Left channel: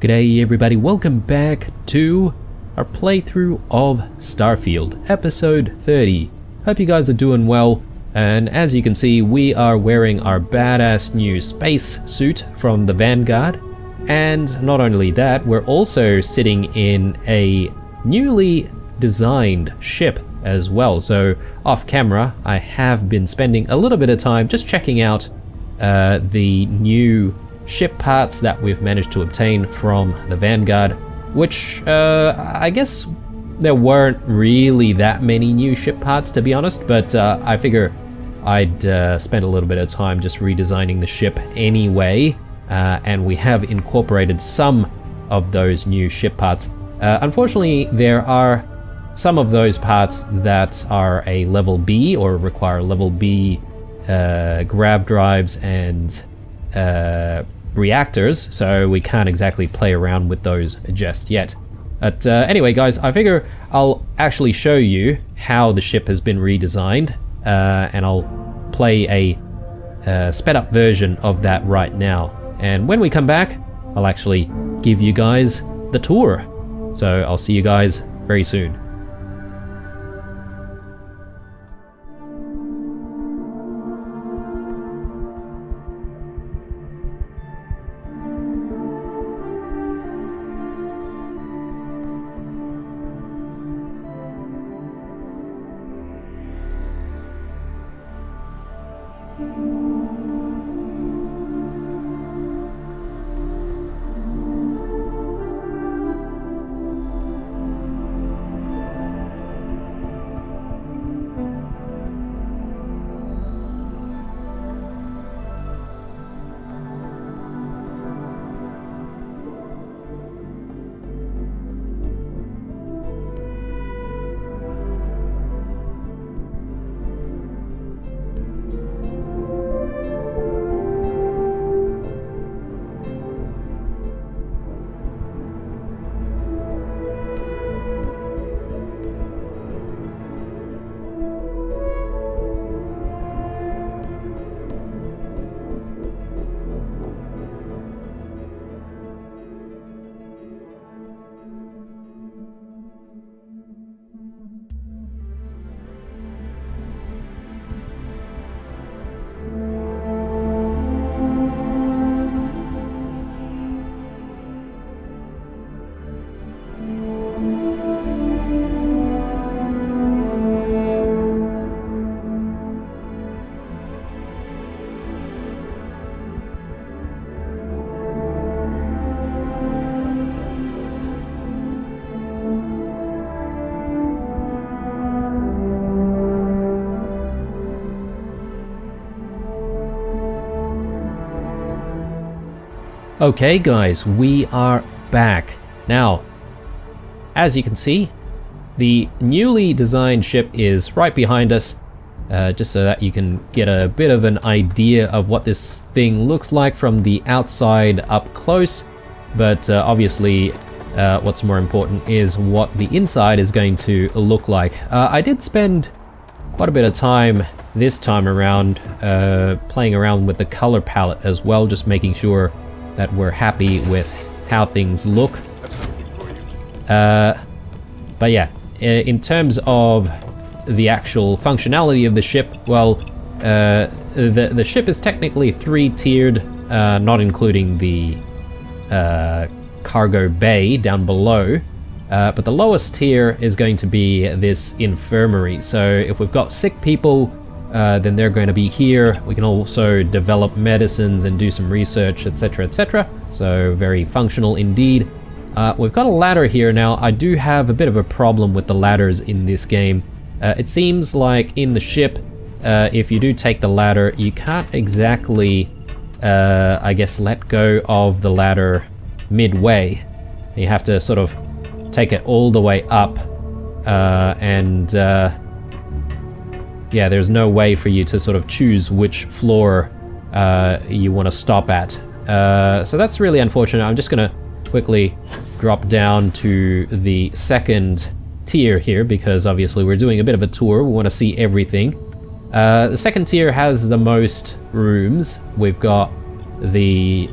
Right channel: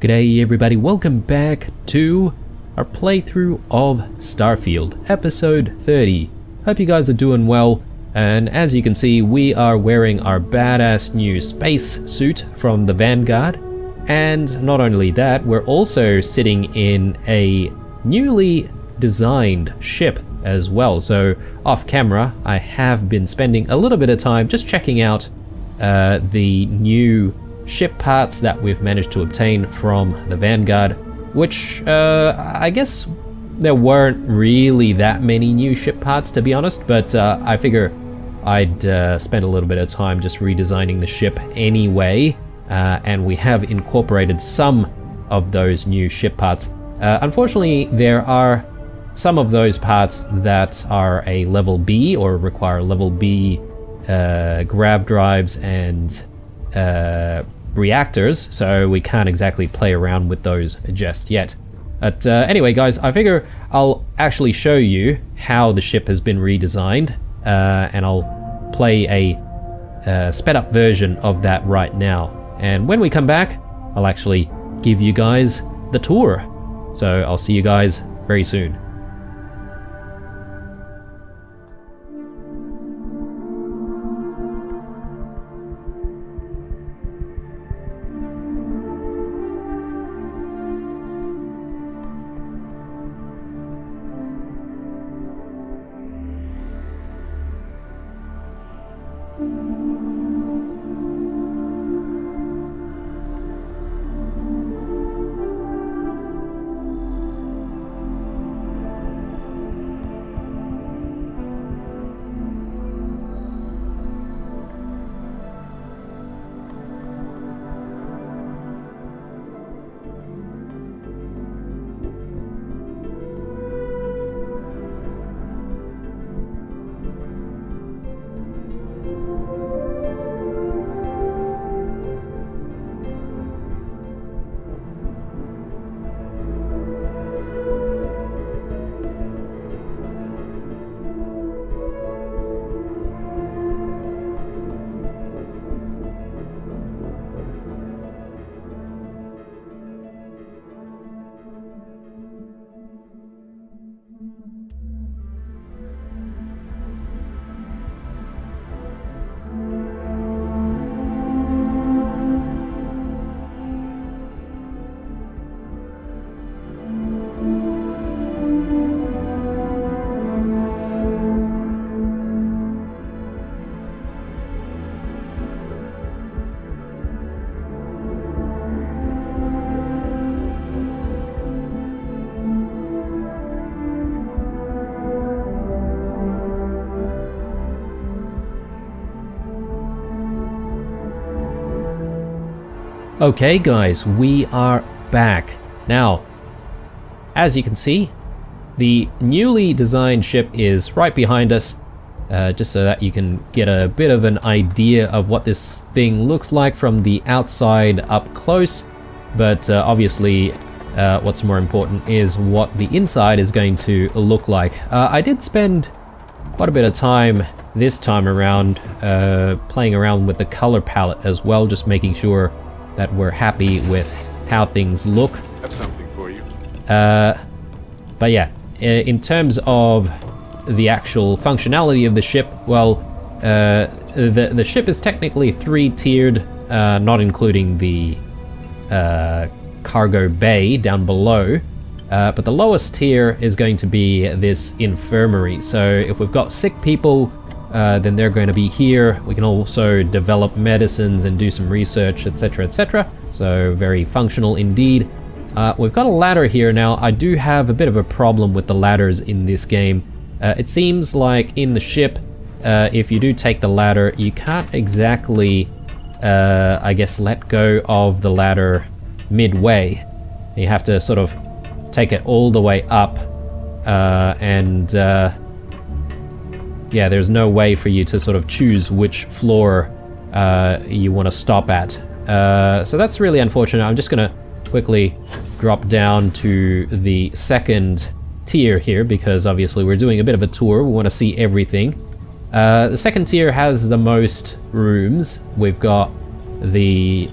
G'day everybody, welcome back to our playthrough of Starfield, episode 30. Hope you guys are doing well, and as you can see, we are wearing our badass new space suit from the Vanguard. And not only that, we're also sitting in a newly designed ship as well. So off camera, I have been spending a little bit of time just checking out the new ship parts that we've managed to obtain from the Vanguard, which I guess there weren't really that many new ship parts, to be honest, but I figure I'd spend a little bit of time just redesigning the ship anyway, and we have incorporated some of those new ship parts. Unfortunately, there are some of those parts that are a level B or require level B grav drives and reactors, so we can't exactly play around with those just yet. But anyway guys, I figure I'll actually show you how the ship has been redesigned, and I'll play a sped up version of that right now. And when we come back, I'll actually give you guys the tour. So I'll see you guys very soon. Okay guys, we are back. Now, as you can see, the newly designed ship is right behind us, just so that you can get a bit of an idea of what this thing looks like from the outside up close. But obviously, what's more important is what the inside is going to look like. I did spend quite a bit of time this time around playing around with the color palette as well, just making sure that we're happy with how things look. Have something for you. But yeah, in terms of the actual functionality of the ship, well, the ship is technically 3-tiered, not including the cargo bay down below. But the lowest tier is going to be this infirmary. So if we've got sick people, then they're going to be here. We can also develop medicines and do some research, etc, etc. So very functional indeed. We've got a ladder here now. I do have a bit of a problem with the ladders in this game. It seems like in the ship, if you do take the ladder, you can't exactly, I guess, let go of the ladder midway. You have to sort of take it all the way up, and yeah, there's no way for you to sort of choose which floor you want to stop at. So that's really unfortunate. I'm just gonna quickly drop down to the second tier here, because obviously we're doing a bit of a tour. We want to see everything. The second tier has the most rooms. We've got the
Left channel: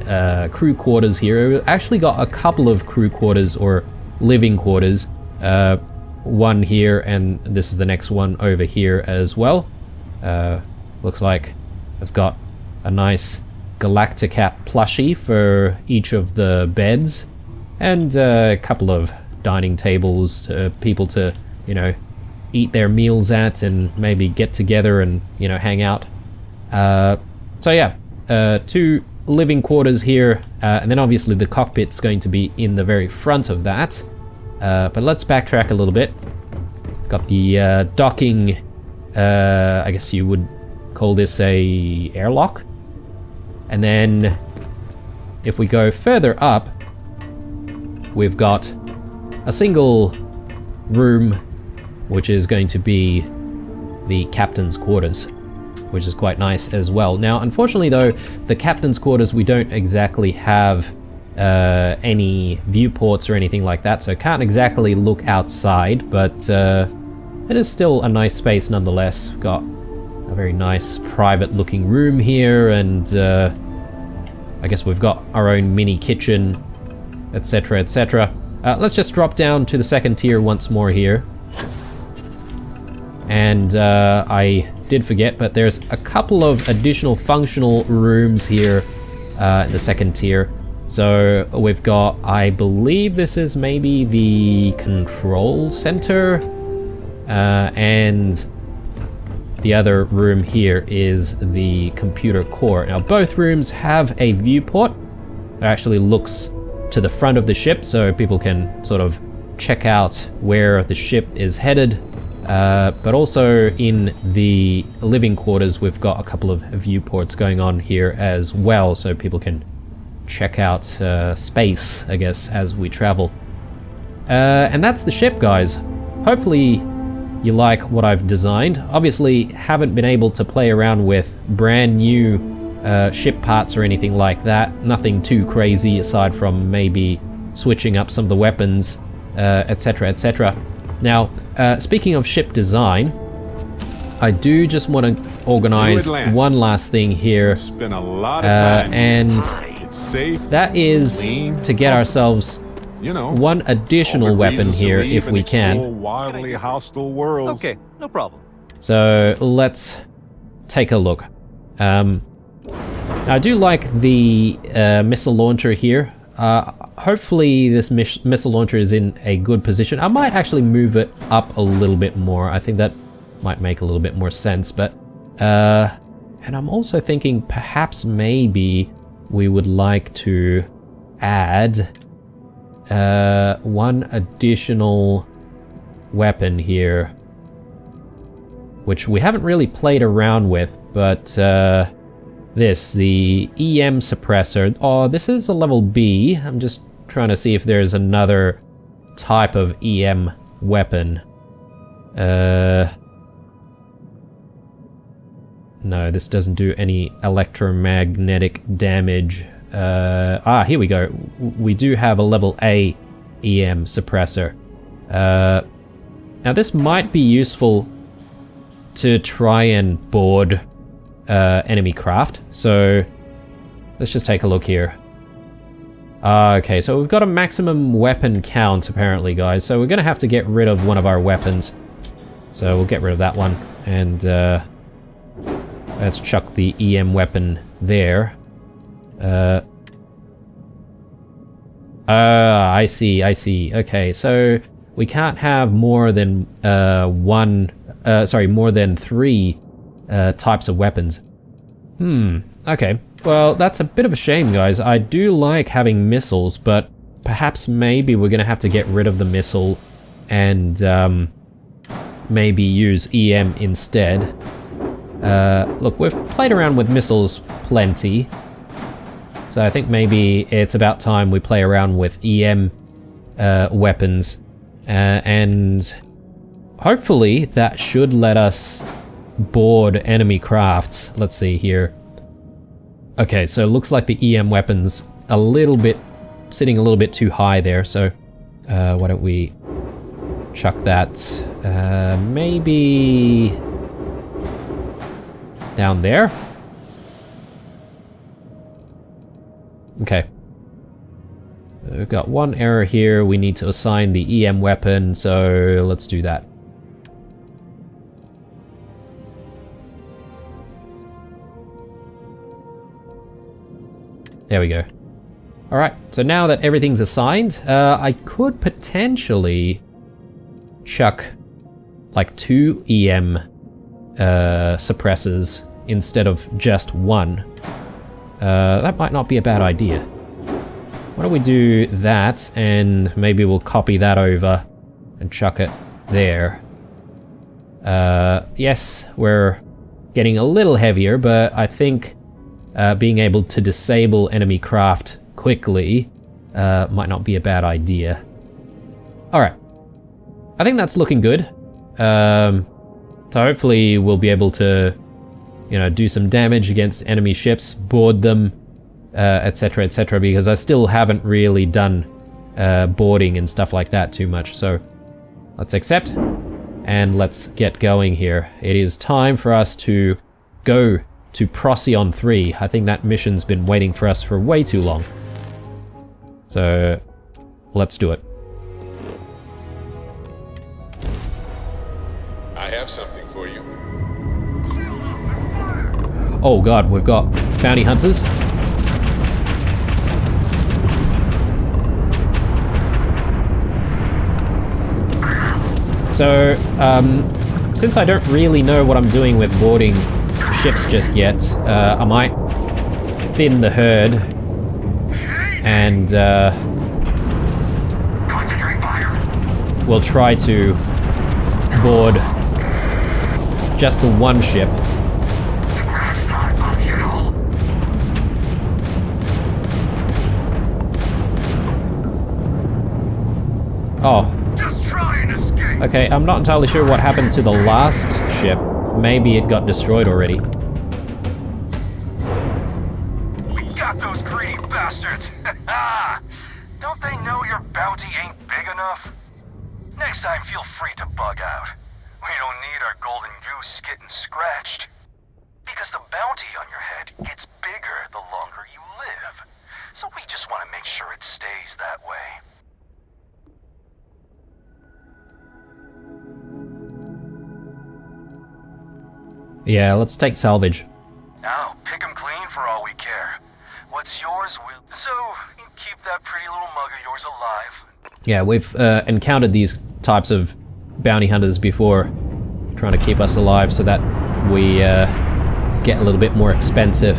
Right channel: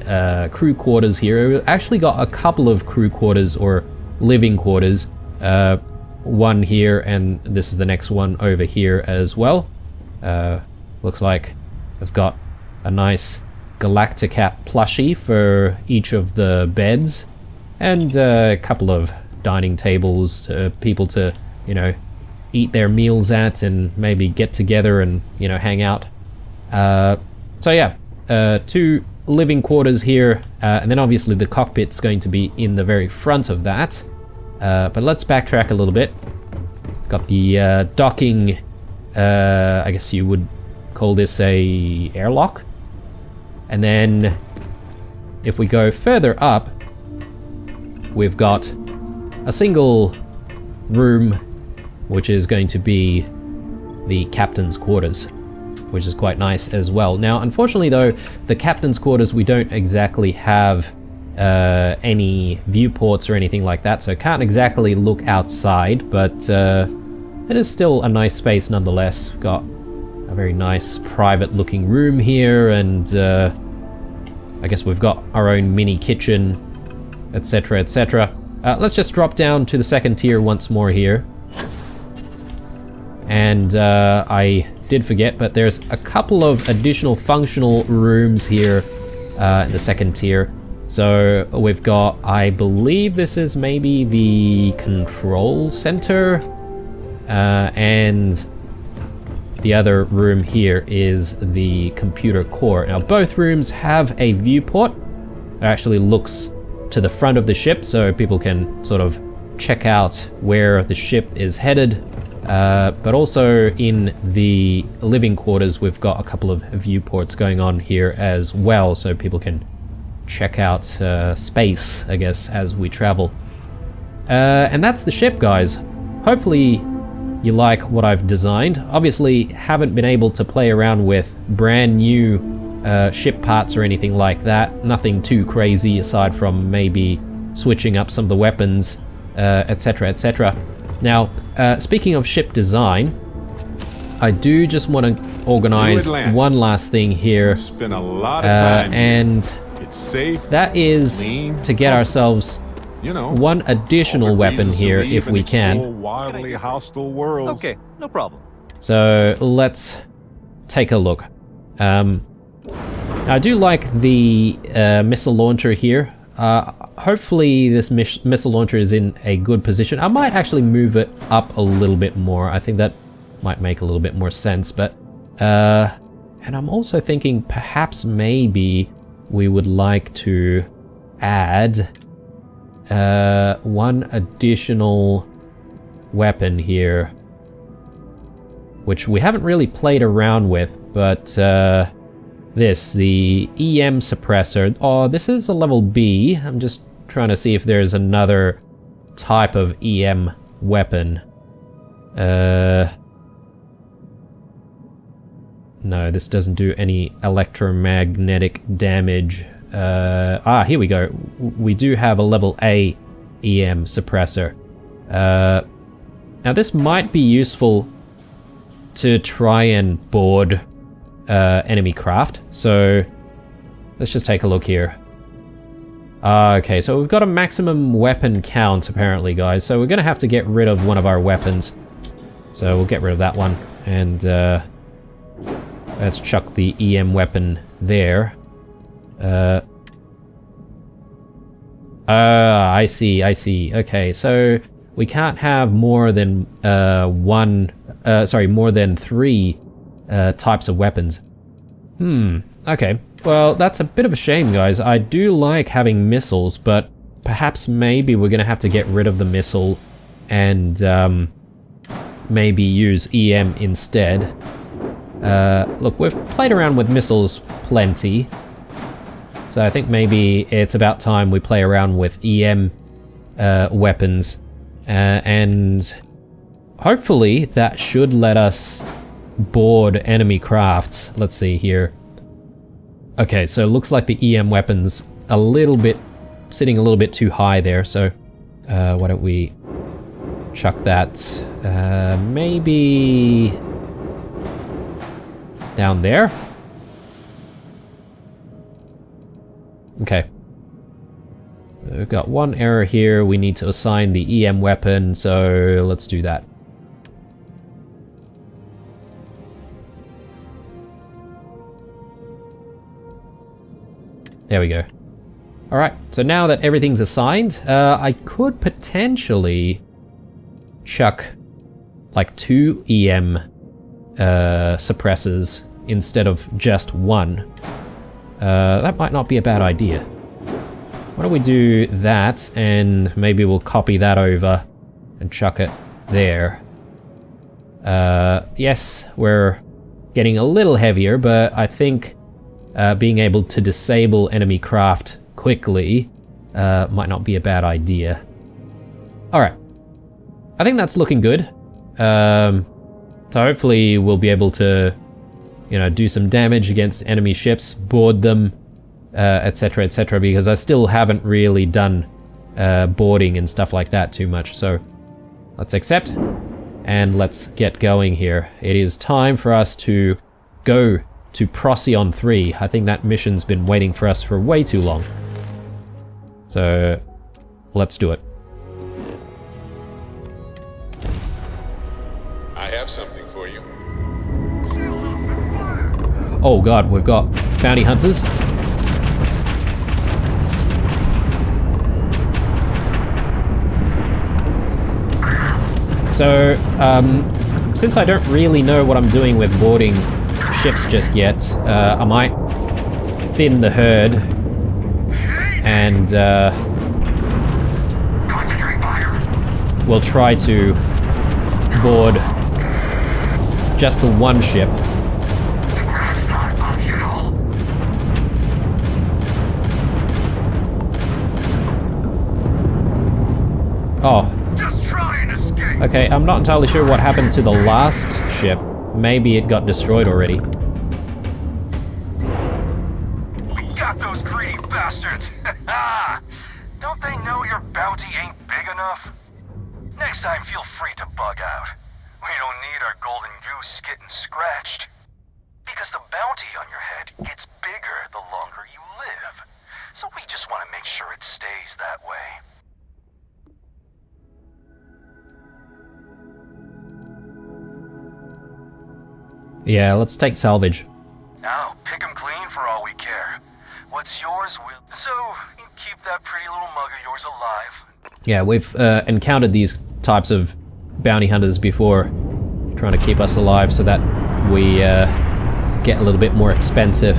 crew quarters here. We've actually got a couple of crew quarters or living quarters. One here, and this is the next one over here as well. Looks like I've got a nice Galacticat plushie for each of the beds, and a couple of dining tables for people to, you know, eat their meals at and maybe get together and, you know, hang out. So yeah, 2 living quarters here, and then obviously the cockpit's going to be in the very front of that. But let's backtrack a little bit. Got the docking, I guess you would call this a airlock. And then if we go further up, we've got a single room, which is going to be the captain's quarters, which is quite nice as well. Now, unfortunately though, the captain's quarters, we don't exactly have any viewports or anything like that, so I can't exactly look outside, but it is still a nice space nonetheless. Got a very nice private looking room here, and I guess we've got our own mini kitchen, etc, etc. Let's just drop down to the second tier once more here. And I did forget, but there's a couple of additional functional rooms here in the second tier. So we've got, I believe this is maybe the control center, and the other room here is the computer core. Now both rooms have a viewport that actually looks to the front of the ship, so people can sort of check out where the ship is headed. But also in the living quarters, we've got a couple of viewports going on here as well, so people can check out space, I guess, as we travel. And that's the ship, guys. Hopefully you like what I've designed. Obviously haven't been able to play around with brand new ship parts or anything like that. Nothing too crazy aside from maybe switching up some of the weapons, etc, etc. Now, speaking of ship design, I do just want to organize one last thing here, Spend a lot of time and it's safe, that is clean, to get ourselves you know, one additional weapon here if we can. Wildly hostile worlds. Okay, no problem. So let's take a look. I do like the missile launcher here. Hopefully this missile launcher is in a good position. I might actually move it up a little bit more. I think that might make a little bit more sense, but and I'm also thinking perhaps maybe we would like to add one additional weapon here, which we haven't really played around with, but the EM suppressor. Oh, this is a level B. I'm just trying to see if there's another type of EM weapon. No, this doesn't do any electromagnetic damage. Here we go. We do have a level A EM suppressor. Now this might be useful to try and board enemy craft. So let's just take a look here. Okay, so we've got a maximum weapon count apparently, guys. So we're gonna have to get rid of one of our weapons. So we'll get rid of that one, and let's chuck the EM weapon there. I see. Okay, so we can't have more than more than 3 types of weapons. Okay. Well, that's a bit of a shame, guys. I do like having missiles, but perhaps maybe we're gonna have to get rid of the missile and maybe use EM instead. Look, we've played around with missiles plenty, so I think maybe it's about time we play around with EM weapons, and hopefully that should let us board enemy crafts. Let's see here. Okay, so it looks like the EM weapon's sitting a little bit too high there, so why don't we chuck that maybe down there. Okay. We've got one error here. We need to assign the EM weapon, so let's do that. There we go. Alright, so now that everything's assigned, I could potentially chuck like 2 EM suppressors instead of just 1. That might not be a bad idea. Why don't we do that, and maybe we'll copy that over and chuck it there. Yes, we're getting a little heavier, but I think being able to disable enemy craft quickly might not be a bad idea. Alright. I think that's looking good. So hopefully we'll be able to, you know, do some damage against enemy ships, board them, etc, etc, because I still haven't really done boarding and stuff like that too much. So let's accept, and let's get going here. It is time for us to go to Procyon 3. I think that mission's been waiting for us for way too long. So let's do it. I have something for you. Oh god, we've got bounty hunters. So, since I don't really know what I'm doing with boarding ships just yet, I might thin the herd and we'll try to board just the one ship. Oh. Okay, I'm not entirely sure what happened to the last ship. Maybe it got destroyed already. We got those greedy bastards! Don't they know your bounty ain't big enough? Next time, feel free to bug out. We don't need our golden goose getting scratched. Because the bounty on your head gets bigger the longer you live. So we just want to make sure it stays that way. Yeah, let's take salvage. Now, pick 'em clean for all we care. What's yours will... So, keep that pretty little mug of yours alive. Yeah, we've encountered these types of bounty hunters before, trying to keep us alive so that we get a little bit more expensive.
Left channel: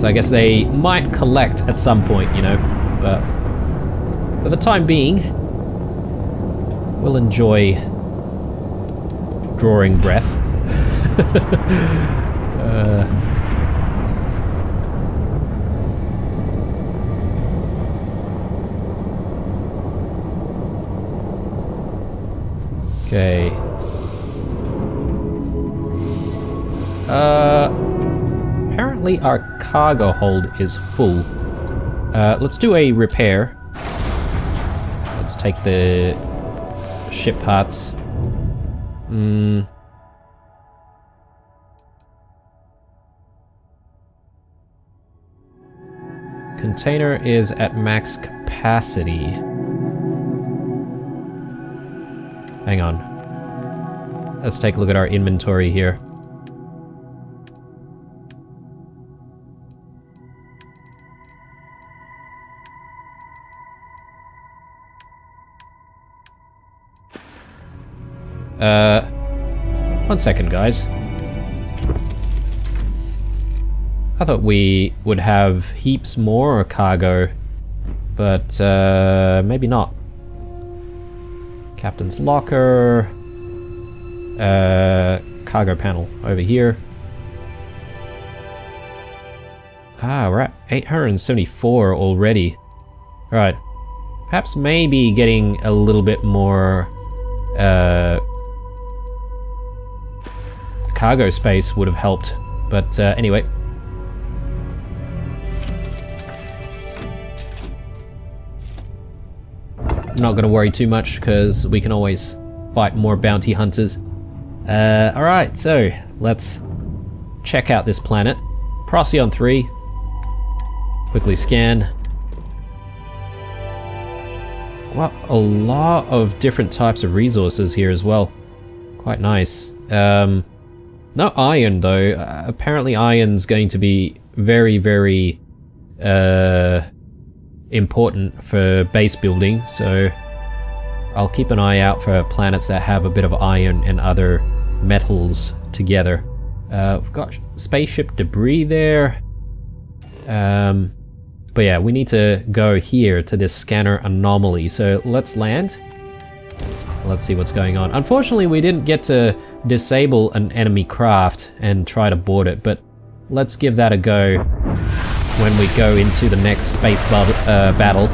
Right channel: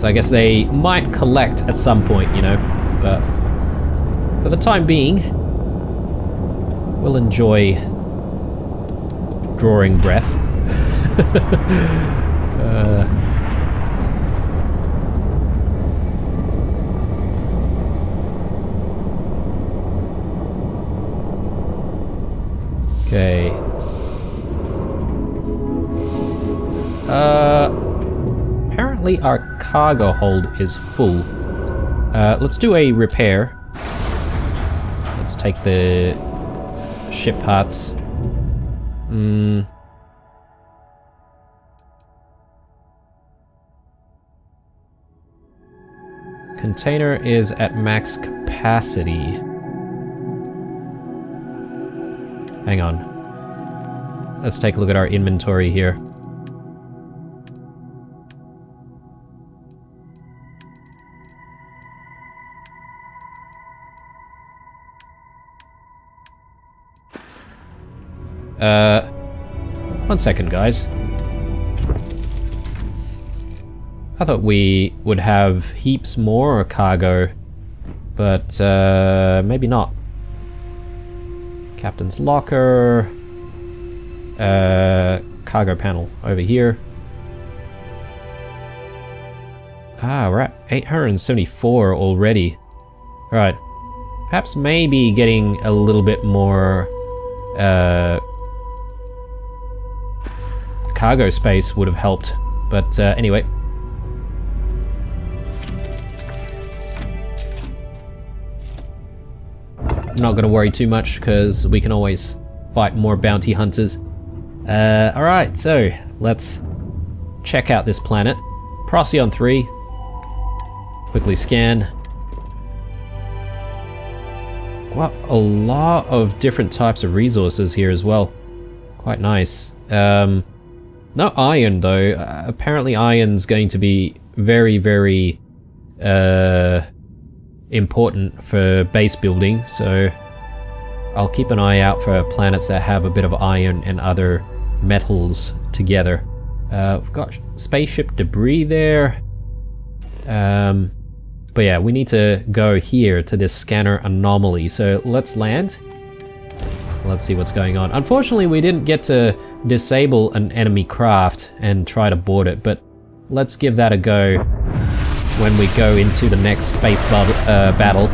So I guess they might collect at some point, you know, but for the time being, we'll enjoy drawing breath. Okay. Apparently our cargo hold is full. Let's do a repair. Let's take the ship parts. Container is at max capacity. Hang on. Let's take a look at our inventory here. One second, guys. I thought we would have heaps more cargo, but maybe not. Captain's locker. Cargo panel over here. Ah, we're at 874 already. Right. Perhaps maybe getting a little bit more cargo space would have helped. But anyway. I'm not going to worry too much because we can always fight more bounty hunters. Alright, so let's check out this planet. Procyon 3. Quickly scan. Quite a lot of different types of resources here as well. Quite nice. No iron though. Apparently iron's going to be very, very important for base building, so I'll keep an eye out for planets that have a bit of iron and other metals together. We've got spaceship debris there. But yeah, we need to go here to this scanner anomaly, so let's land. Let's see what's going on. Unfortunately, we didn't get to disable an enemy craft and try to board it, but let's give that a go when we go into the next space battle.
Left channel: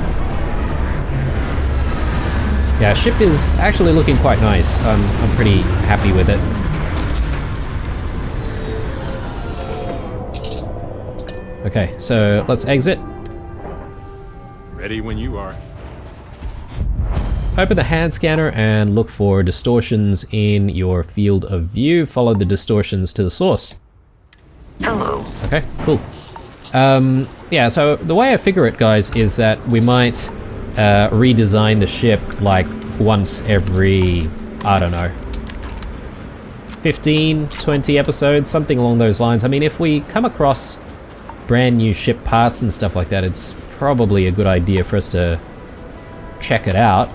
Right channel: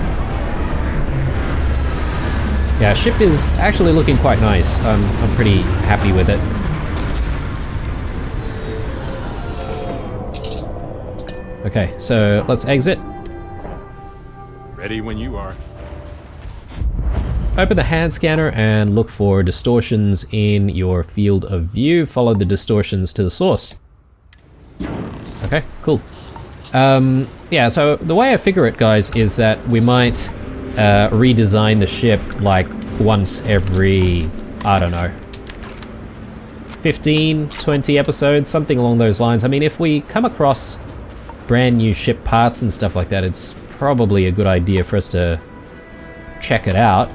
Yeah, ship is actually looking quite nice. I'm pretty happy with it. Okay, so let's exit. Ready when you are. Open the hand scanner and look for distortions in your field of view. Follow the distortions to the source. Hello. Okay, cool. Yeah, so the way I figure it, guys, is that we might redesign the ship like once every, I don't know, 15, 20 episodes, something along those lines. I mean, if we come across brand new ship parts and stuff like that, it's probably a good idea for us to check it out.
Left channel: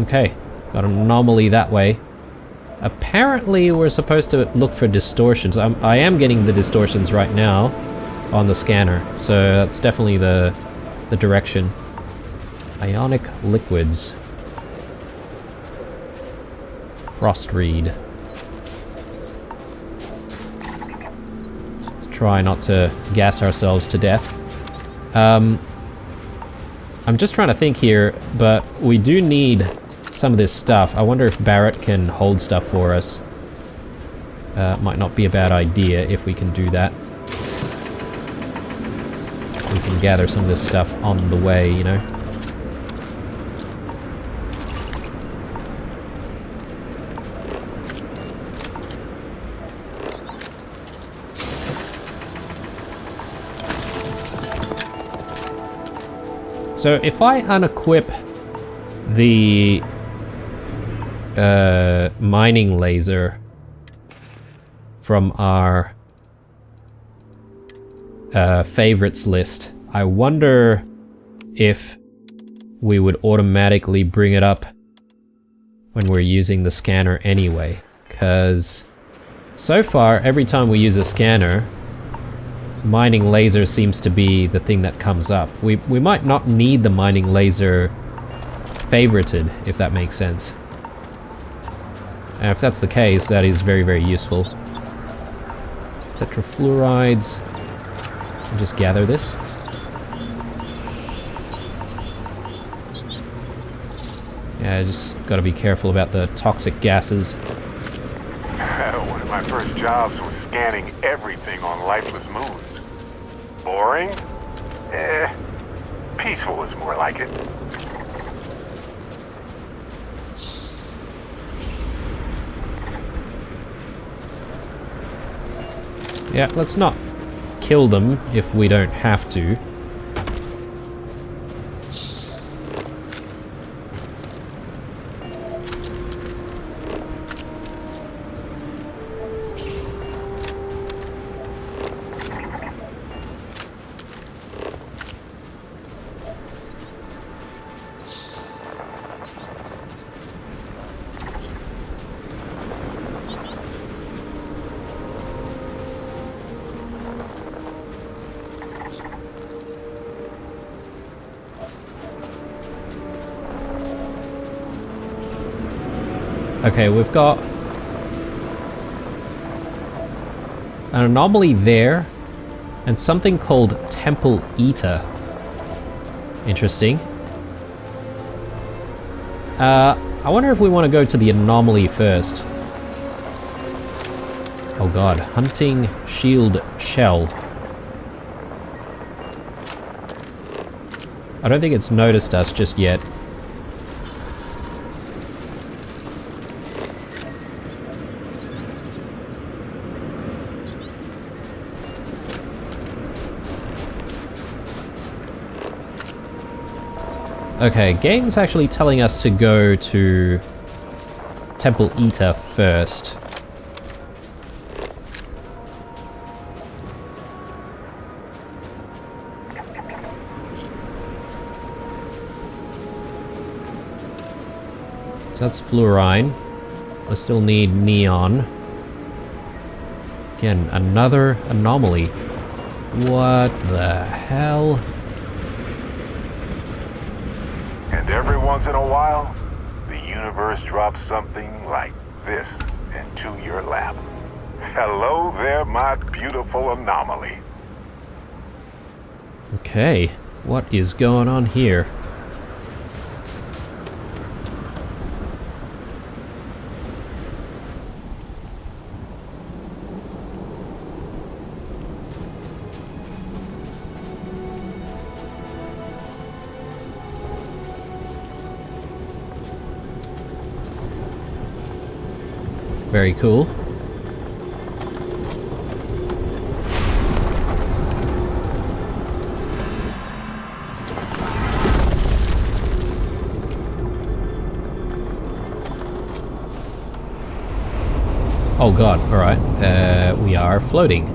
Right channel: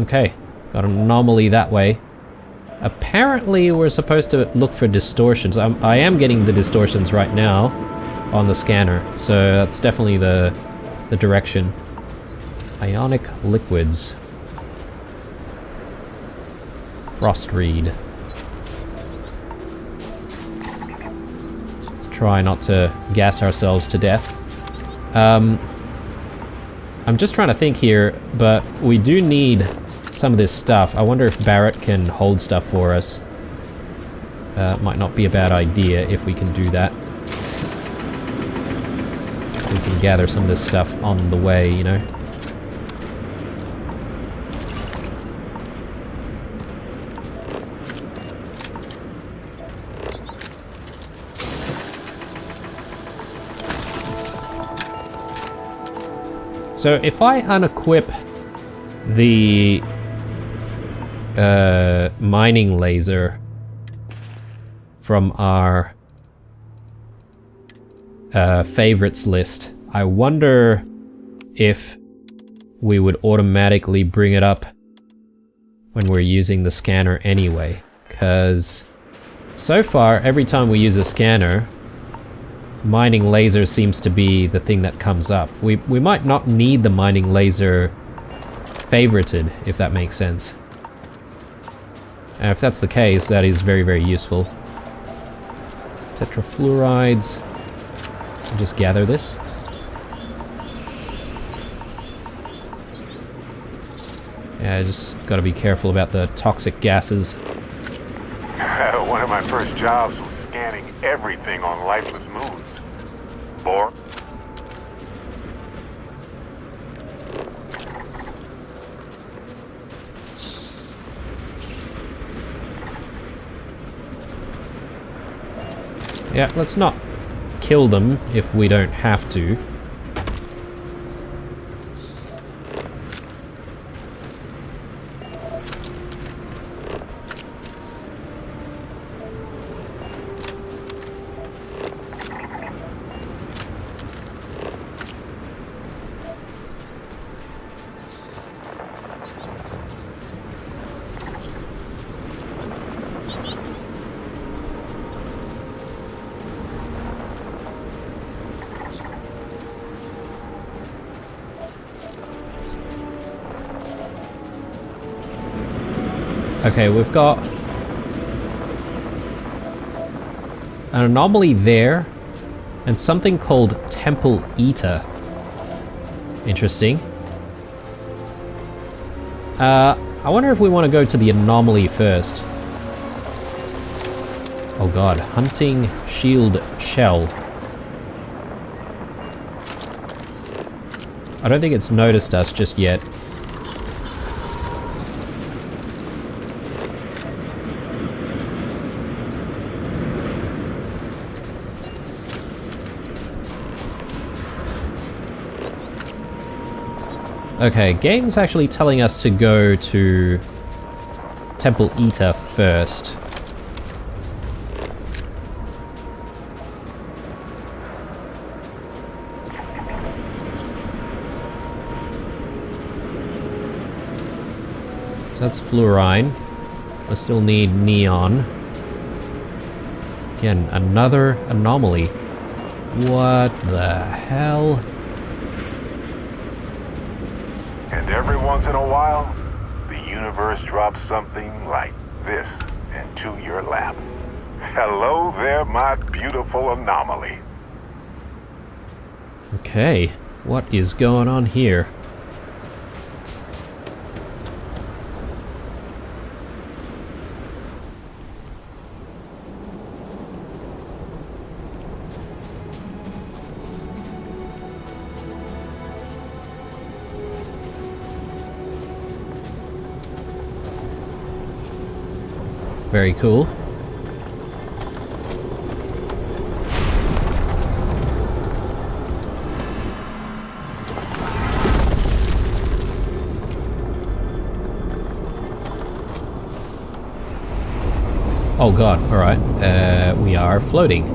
Okay, got an anomaly that way. Apparently we're supposed to look for distortions. I am getting the distortions right now on the scanner, so that's definitely the direction. Ionic liquids. Frost reed. Let's try not to gas ourselves to death. I'm just trying to think here, but we do need some of this stuff. I wonder if Barrett can hold stuff for us. Might not be a bad idea if we can do that. We can gather some of this stuff on the way, you know. So if I unequip the mining laser from our favorites list, I wonder if we would automatically bring it up when we're using the scanner anyway, because so far every time we use a scanner, mining laser seems to be the thing that comes up. We might not need the mining laser favorited, if that makes sense. And if that's the case, that is very, very useful. Tetrafluorides. I'll just gather this. Yeah, just gotta be careful about the toxic gases. One of my first jobs was scanning everything on lifeless moons. Boring? Peaceful is more like it. Yeah, let's not kill them if we don't have to. Okay, we've got an anomaly there, and something called Temple Eater. Interesting. I wonder if we want to go to the anomaly first. Oh god, hunting shield shell. I don't think it's noticed us just yet. Okay, game's actually telling us to go to Temple Eater first. So that's fluorine. I still need neon. Again, another anomaly. What the hell? And every once in a while, the universe drops something like this into your lap. Hello there, my beautiful anomaly. Okay, what is going on here? Very cool. Oh god, alright. We are floating.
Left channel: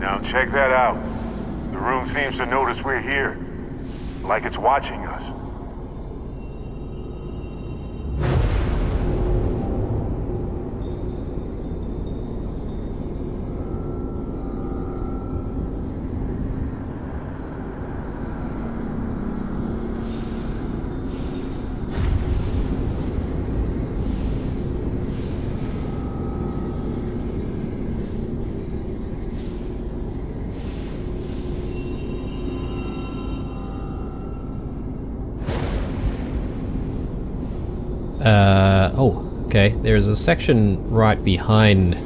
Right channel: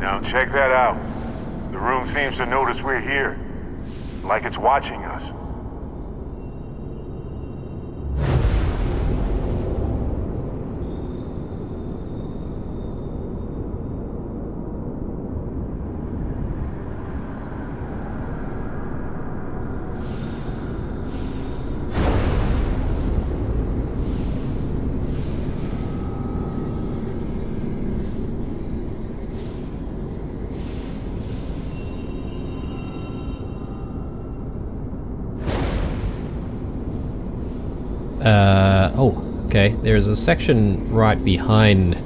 Now check that out. The room seems to notice we're here, like it's watching us. Oh, okay. There's a section right behind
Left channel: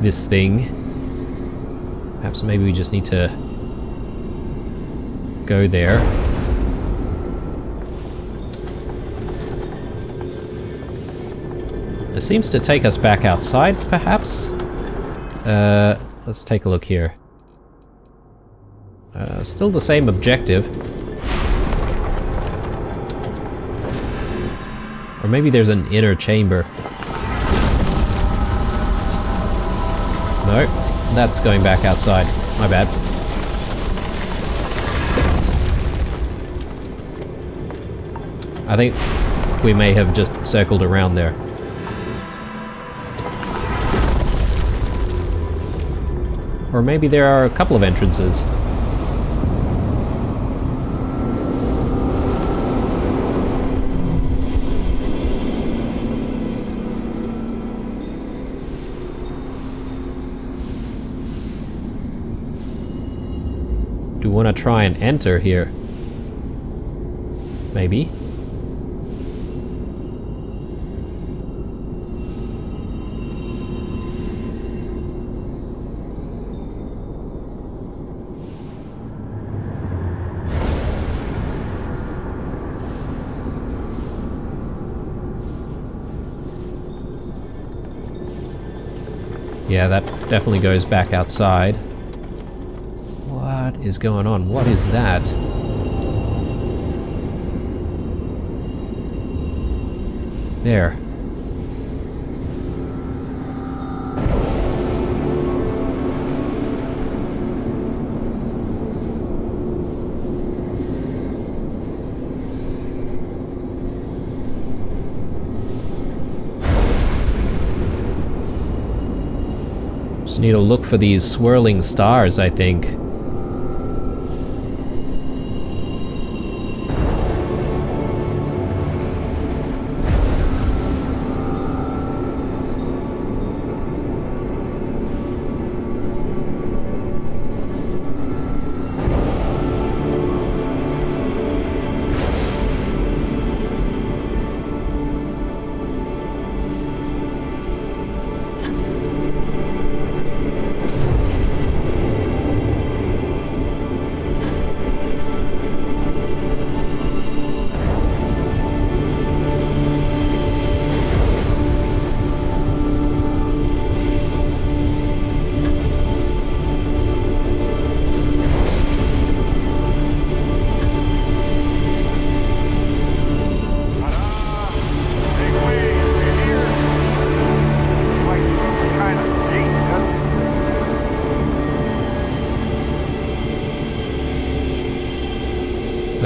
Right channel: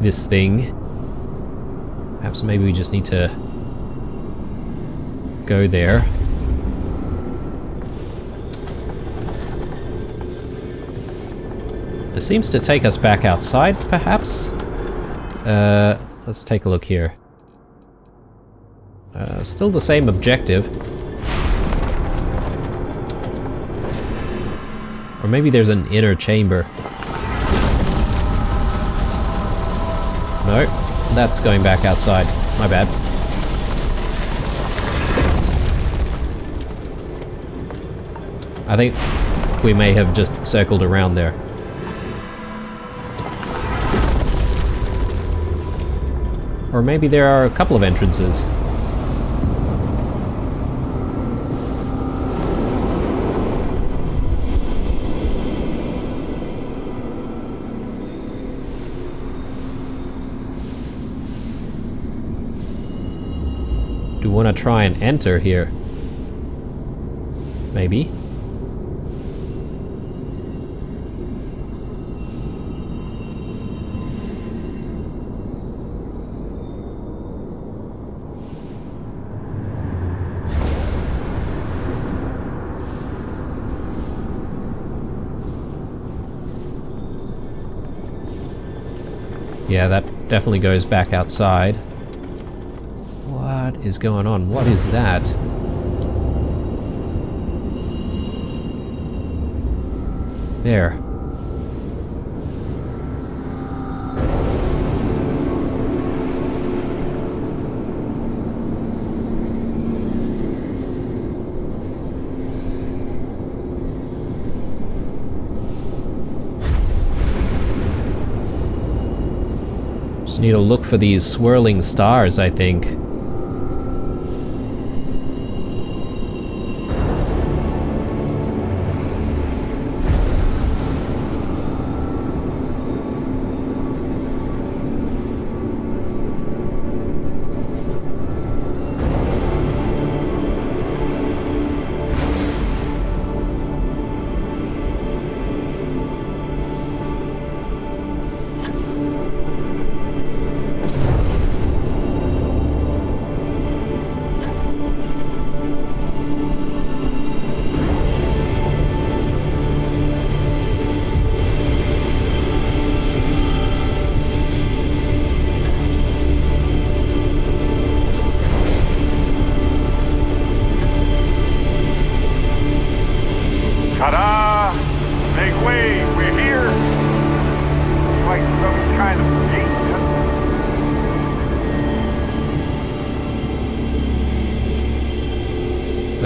this thing. Perhaps maybe we just need to go there. It seems to take us back outside, perhaps? Let's take a look here. Still the same objective. Or maybe there's an inner chamber. No, that's going back outside. My bad. I think we may have just circled around there. Or maybe there are a couple of entrances. Do we want to try and enter here? Maybe. Yeah, that definitely goes back outside. What is going on? What is that? There. Just need to look for these swirling stars, I think.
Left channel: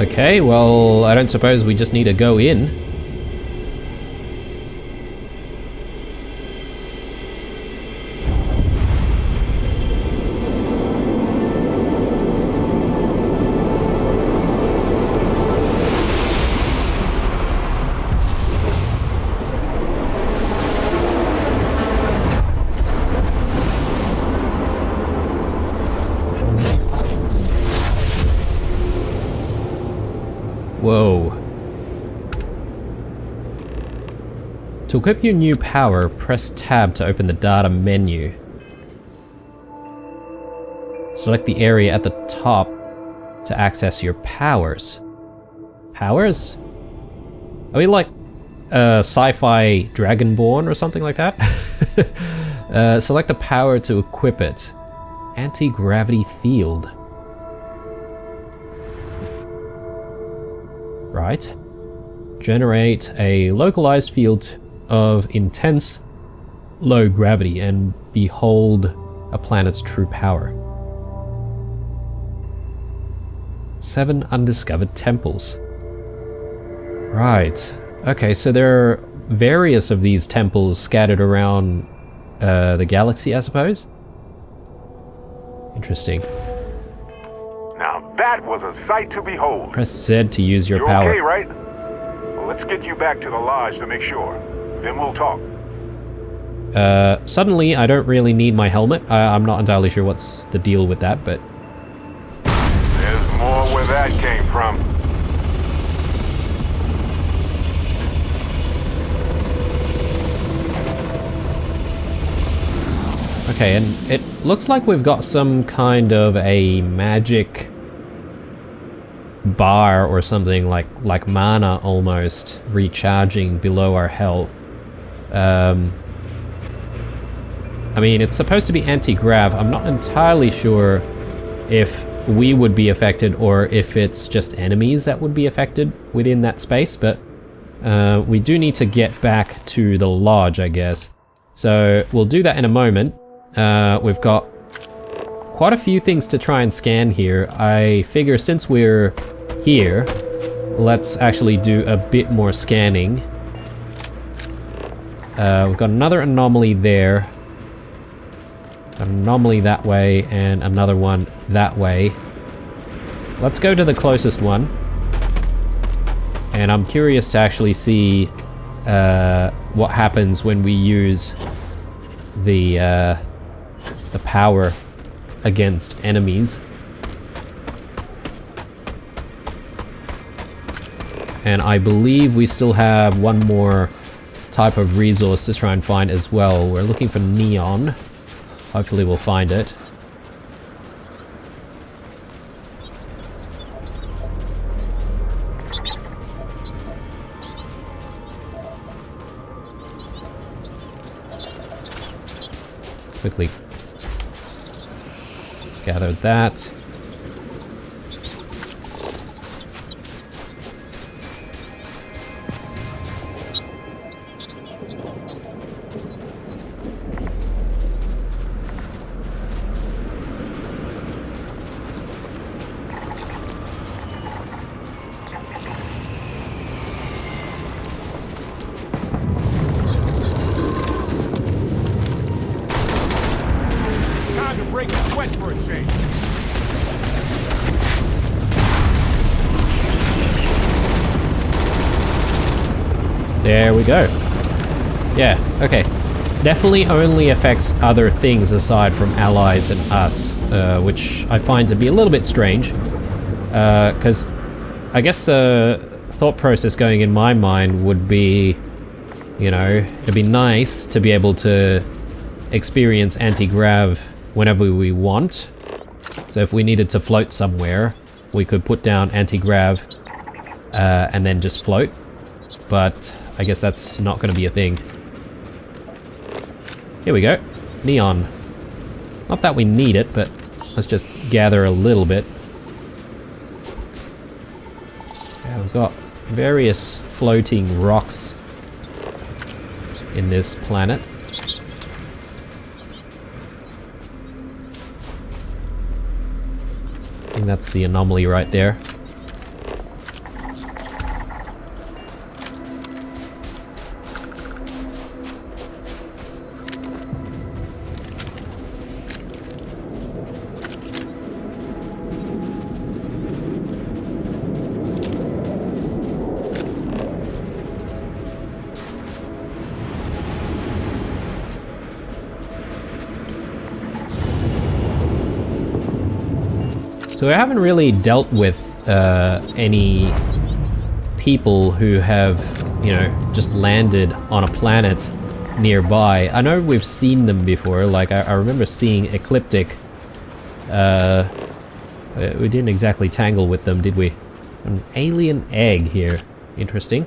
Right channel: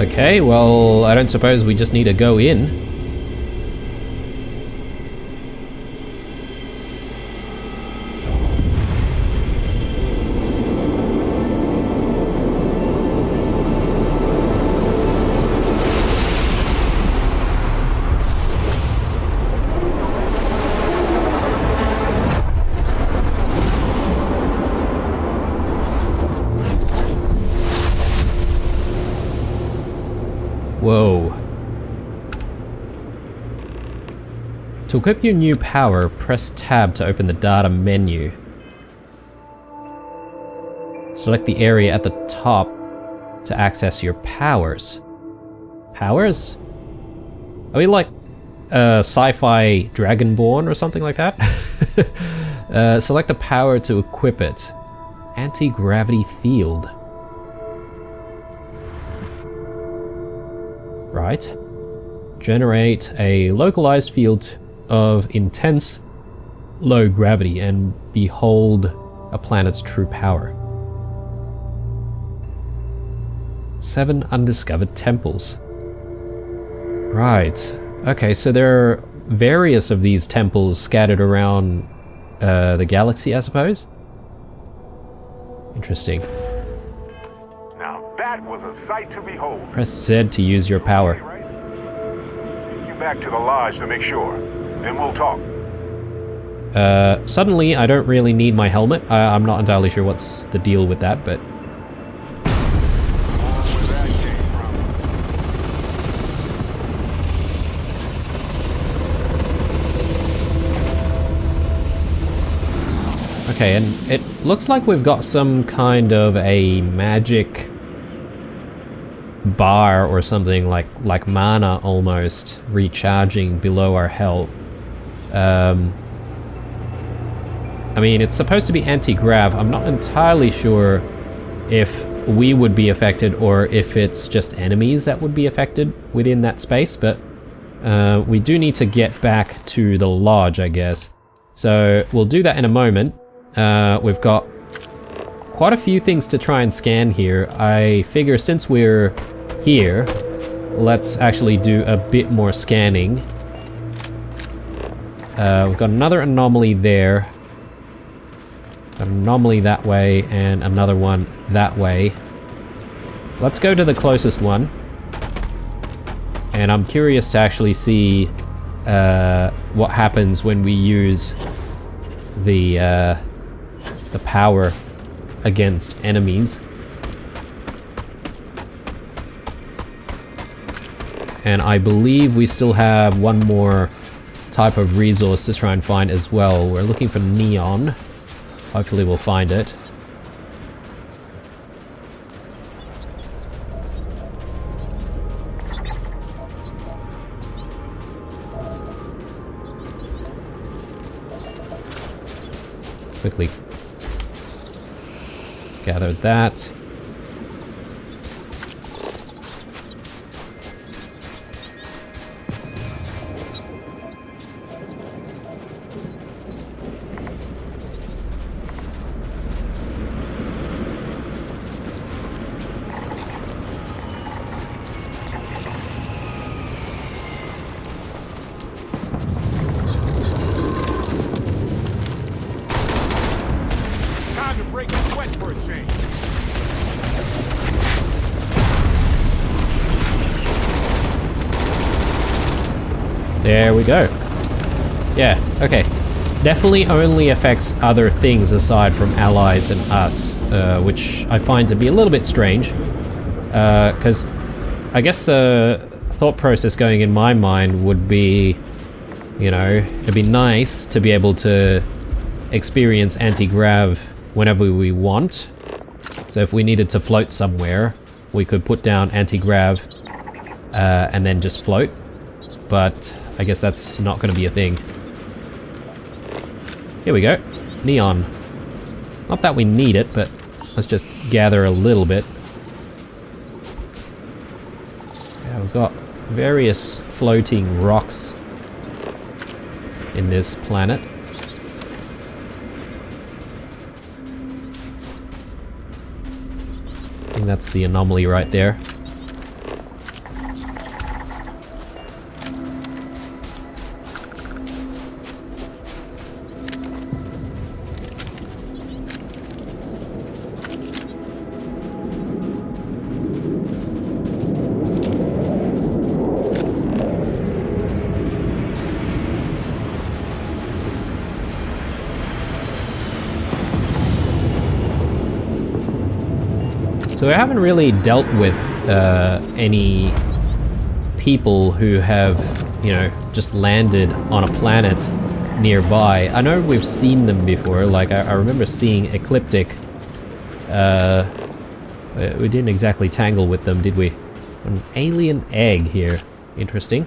Okay, well, I don't suppose we just need to go in. Whoa. To equip your new power, press tab to open the data menu. Select the area at the top to access your powers. Powers? Are we like sci-fi Dragonborn or something like that? Select a power to equip it. Anti-gravity field. Right. Generate a localized field of intense low gravity and behold a planet's true power. 7 undiscovered temples. Right. Okay, so there are various of these temples scattered around the galaxy, I suppose? Interesting. Now that was a sight to behold. Press Z to use your You're power. okay, right? Well, let's get you back to the lodge to make sure. Then we'll talk. Suddenly I don't really need my helmet. I'm not entirely sure what's the deal with that, but... There's more where that came from. Okay, and it looks like we've got some kind of a magic bar or something like mana almost recharging below our health. I mean, it's supposed to be anti-grav. I'm not entirely sure if we would be affected or if it's just enemies that would be affected within that space, but we do need to get back to the lodge, I guess. So we'll do that in a moment. We've got quite a few things to try and scan here. I figure since we're here, let's actually do a bit more scanning. We've got another anomaly there. An anomaly that way, and another one that way. Let's go to the closest one. And I'm curious to actually see what happens when we use the power against enemies. And I believe we still have one more type of resource to try and find as well. We're looking for neon. Hopefully we'll find it. Quickly gather that. Time to break a sweat for a change. There we go. Yeah, okay. Definitely only affects other things aside from allies and us, which I find to be a little bit strange. Because I guess the thought process going in my mind would be, you know, it'd be nice to be able to experience anti-grav whenever we want. So if we needed to float somewhere, we could put down anti-grav and then just float. But I guess that's not going to be a thing. Here we go. Neon. Not that we need it, but let's just gather a little bit. Yeah, we've got various floating rocks in this planet. I think that's the anomaly right there. So we haven't really dealt with any people who have, you know, just landed on a planet nearby. I know we've seen them before, like I remember seeing Ecliptic. We didn't exactly tangle with them, did we? An alien egg here. Interesting.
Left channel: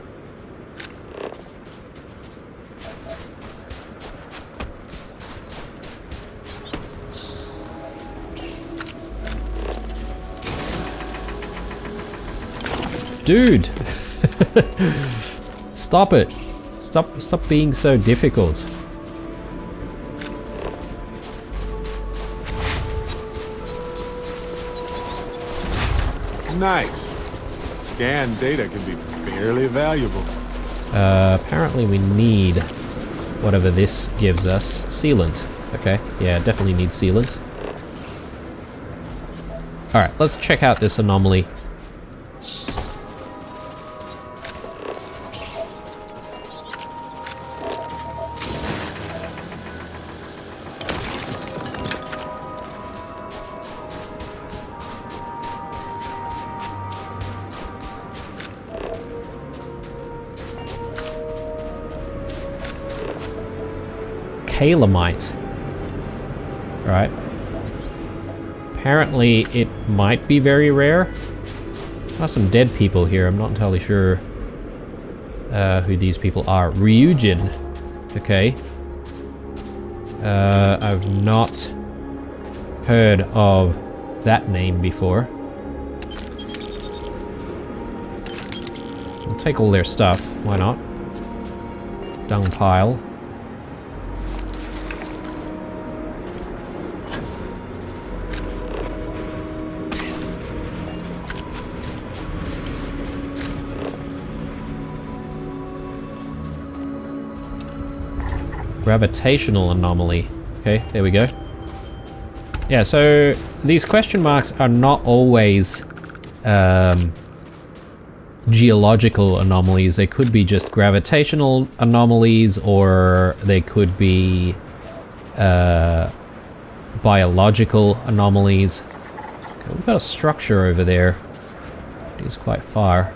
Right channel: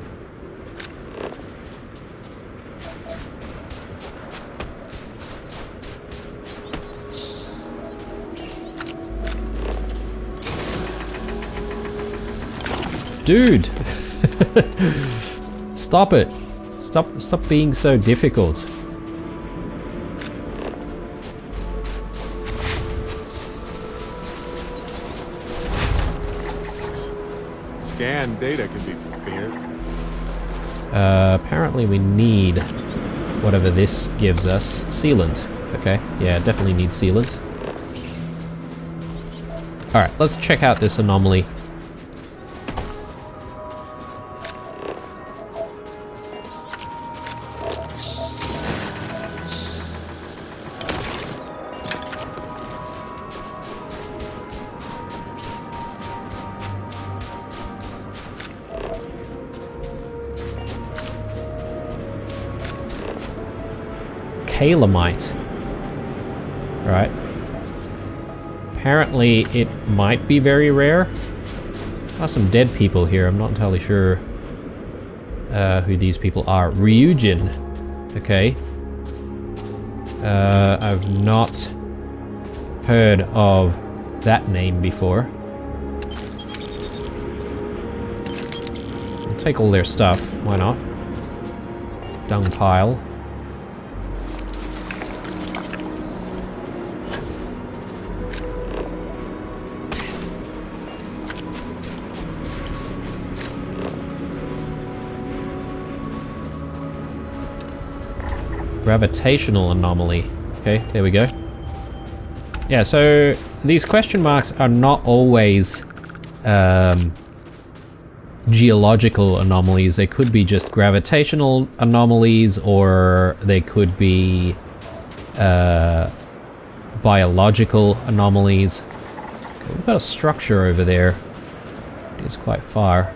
Dude! Stop it! Stop being so difficult. Nice. Scan data can be fairly valuable. Apparently we need whatever this gives us. Sealant. Okay, yeah, definitely need sealant. Alright, let's check out this anomaly. Calamite. Right. Apparently it might be very rare. There's some dead people here. I'm not entirely sure who these people are. Ryujin. Okay. I've not heard of that name before. I'll take all their stuff. Why not? Dung pile. Gravitational anomaly. Okay, there we go. Yeah, so these question marks are not always geological anomalies. They could be just gravitational anomalies, or they could be biological anomalies. Okay, we've got a structure over there. It is quite far.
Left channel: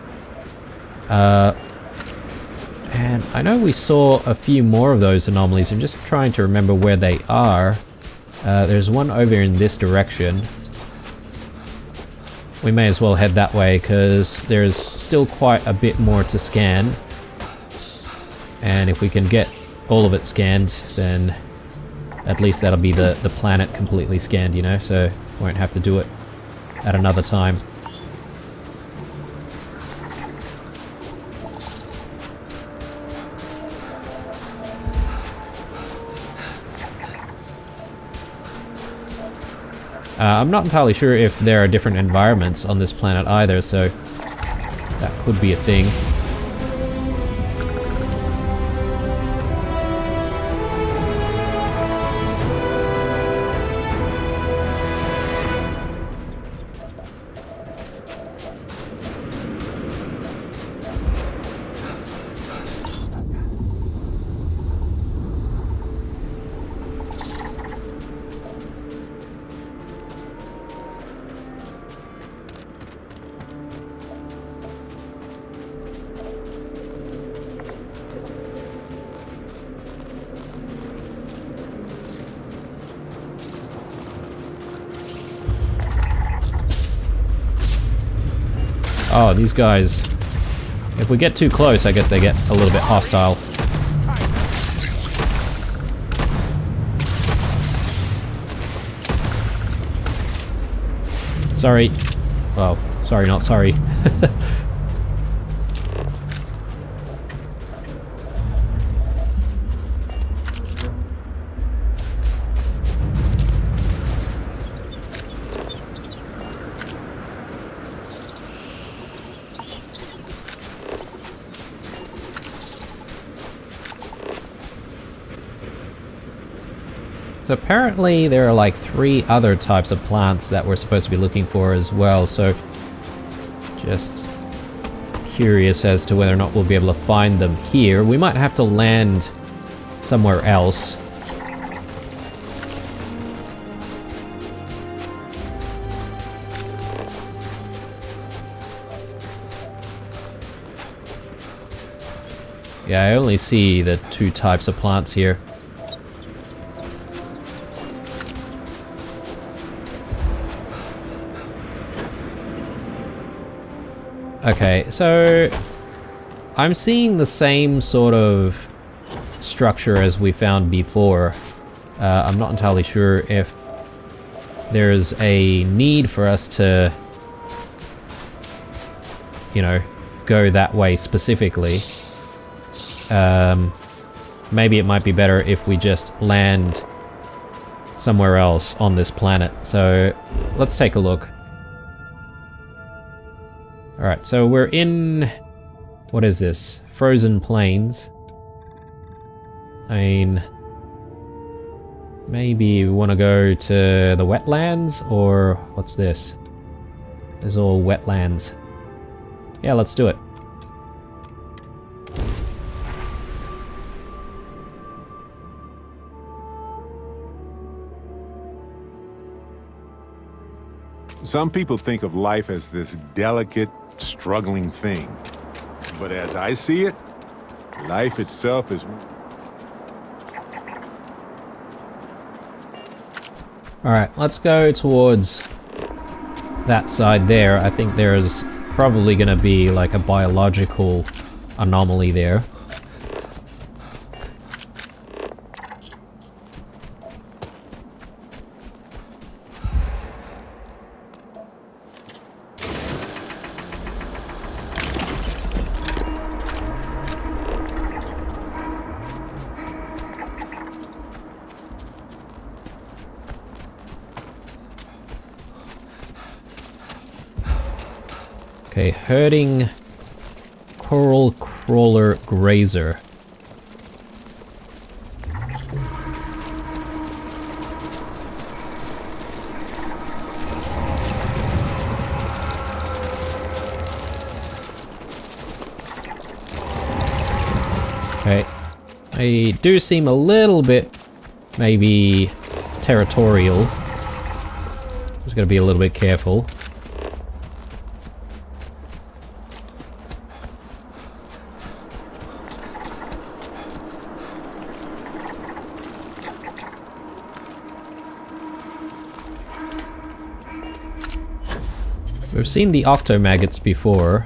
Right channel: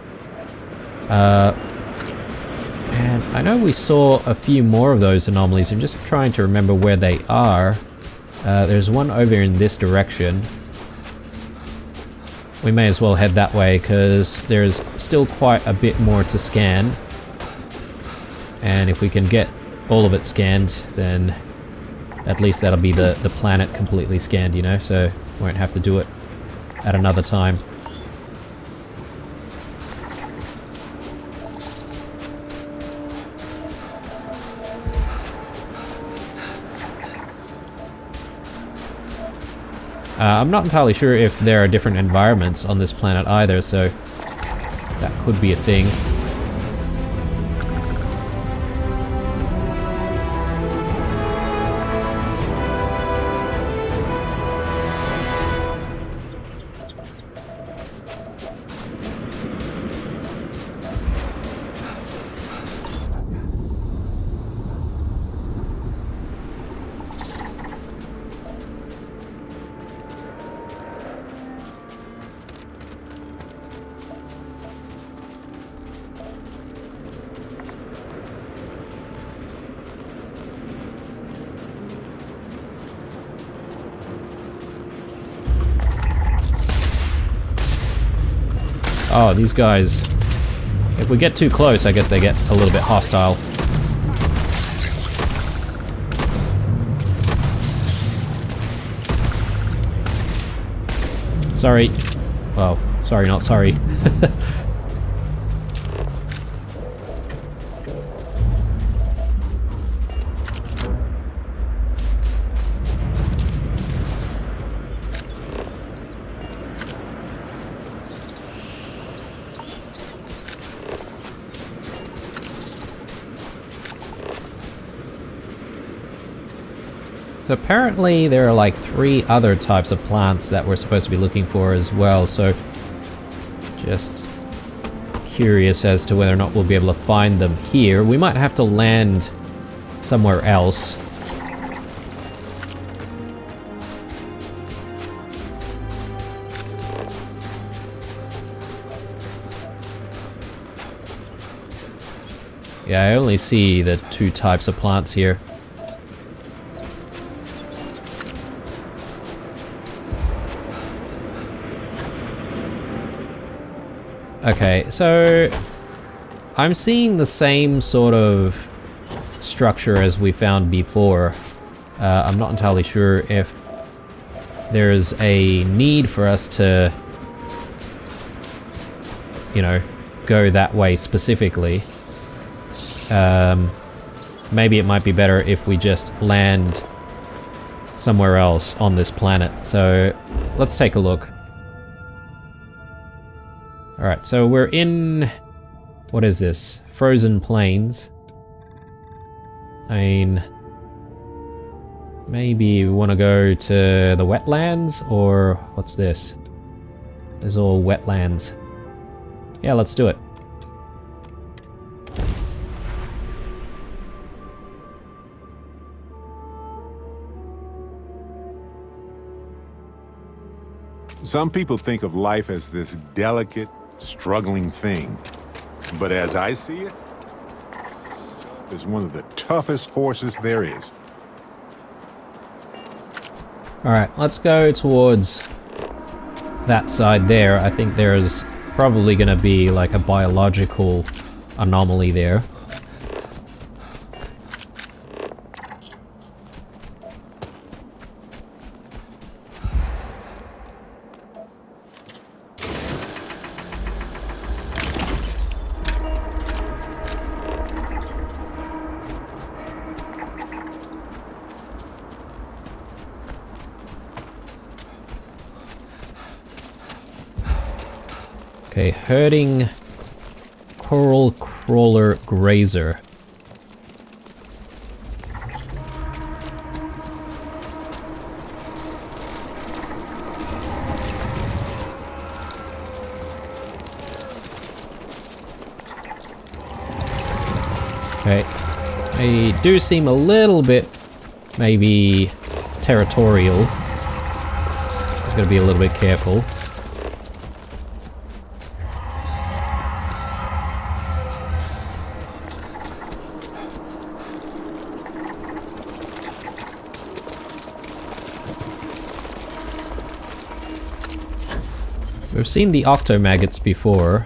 And I know we saw a few more of those anomalies. I'm just trying to remember where they are. There's one over in this direction. We may as well head that way because there's still quite a bit more to scan. And if we can get all of it scanned, then at least that'll be the planet completely scanned, you know, so won't have to do it at another time. I'm not entirely sure if there are different environments on this planet either, so that could be a thing. Oh, these guys. If we get too close, I guess they get a little bit hostile. Sorry. Well, sorry, not sorry. So apparently there are like 3 other types of plants that we're supposed to be looking for as well, so just curious as to whether or not we'll be able to find them here. We might have to land somewhere else. Yeah, I only see the 2 types of plants here. Okay, so I'm seeing the same sort of structure as we found before. I'm not entirely sure if there's a need for us to, you know, go that way specifically. Maybe it might be better if we just land somewhere else on this planet. So let's take a look. Alright, so we're in... what is this? Frozen Plains. I mean... maybe we want to go to the wetlands, or what's this? There's all wetlands. Yeah, let's do it. Some people think of life as this delicate, struggling thing. But as I see it, life itself is one of the toughest forces there is. Alright, let's go towards that side there. I think there's probably gonna be like a biological anomaly there. Okay, herding coral crawler grazer. Okay, they do seem a little bit maybe territorial. Just gotta be a little bit careful. We've seen the octomaggots before.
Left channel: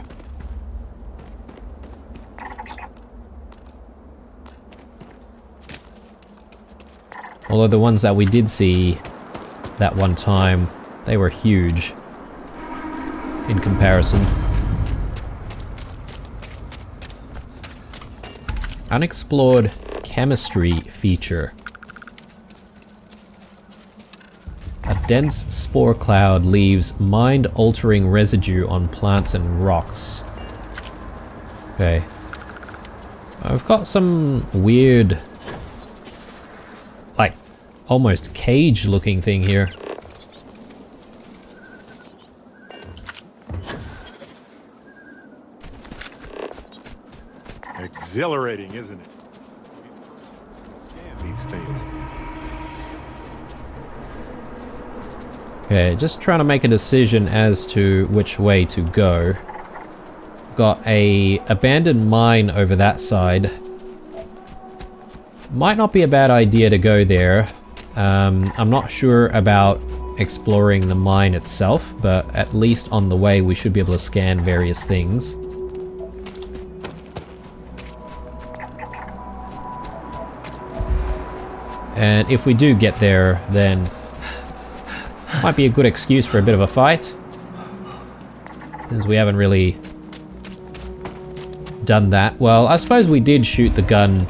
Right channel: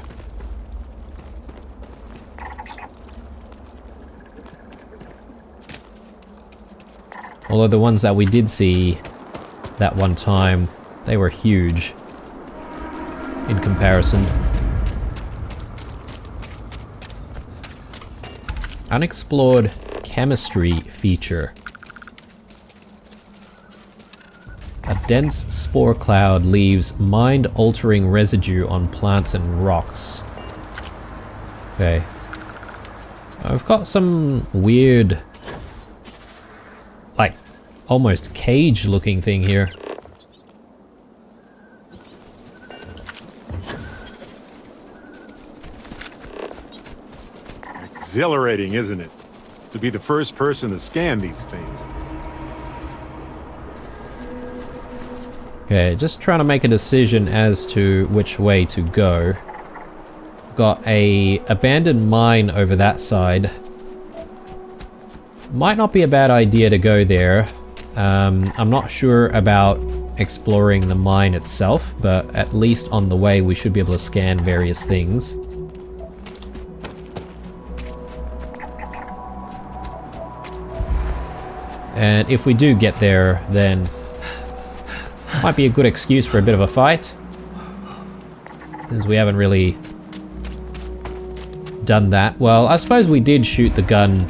Although the ones that we did see that one time, they were huge in comparison. Unexplored chemistry feature. A dense spore cloud leaves mind-altering residue on plants and rocks. Okay. I've got some weird, like, almost cage-looking thing here. Exhilarating, isn't it? To be the first person to scan these things. Okay, just trying to make a decision as to which way to go. Got a abandoned mine over that side. Might not be a bad idea to go there. I'm not sure about exploring the mine itself, but at least on the way we should be able to scan various things. And if we do get there, then might be a good excuse for a bit of a fight, since we haven't really done that. Well, I suppose we did shoot the gun,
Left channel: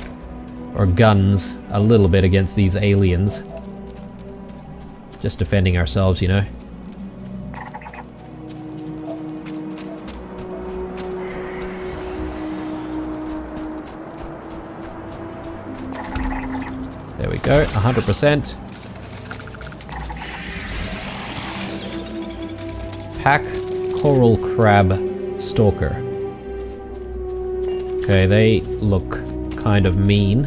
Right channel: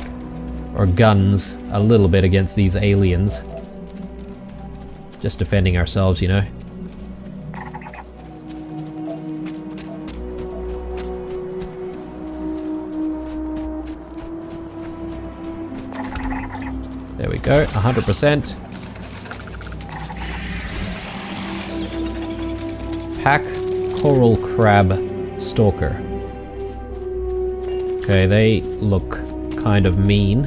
or guns, a little bit against these aliens. Just defending ourselves, you know. There we go, 100%. Pack coral crab stalker. Okay, they look kind of mean.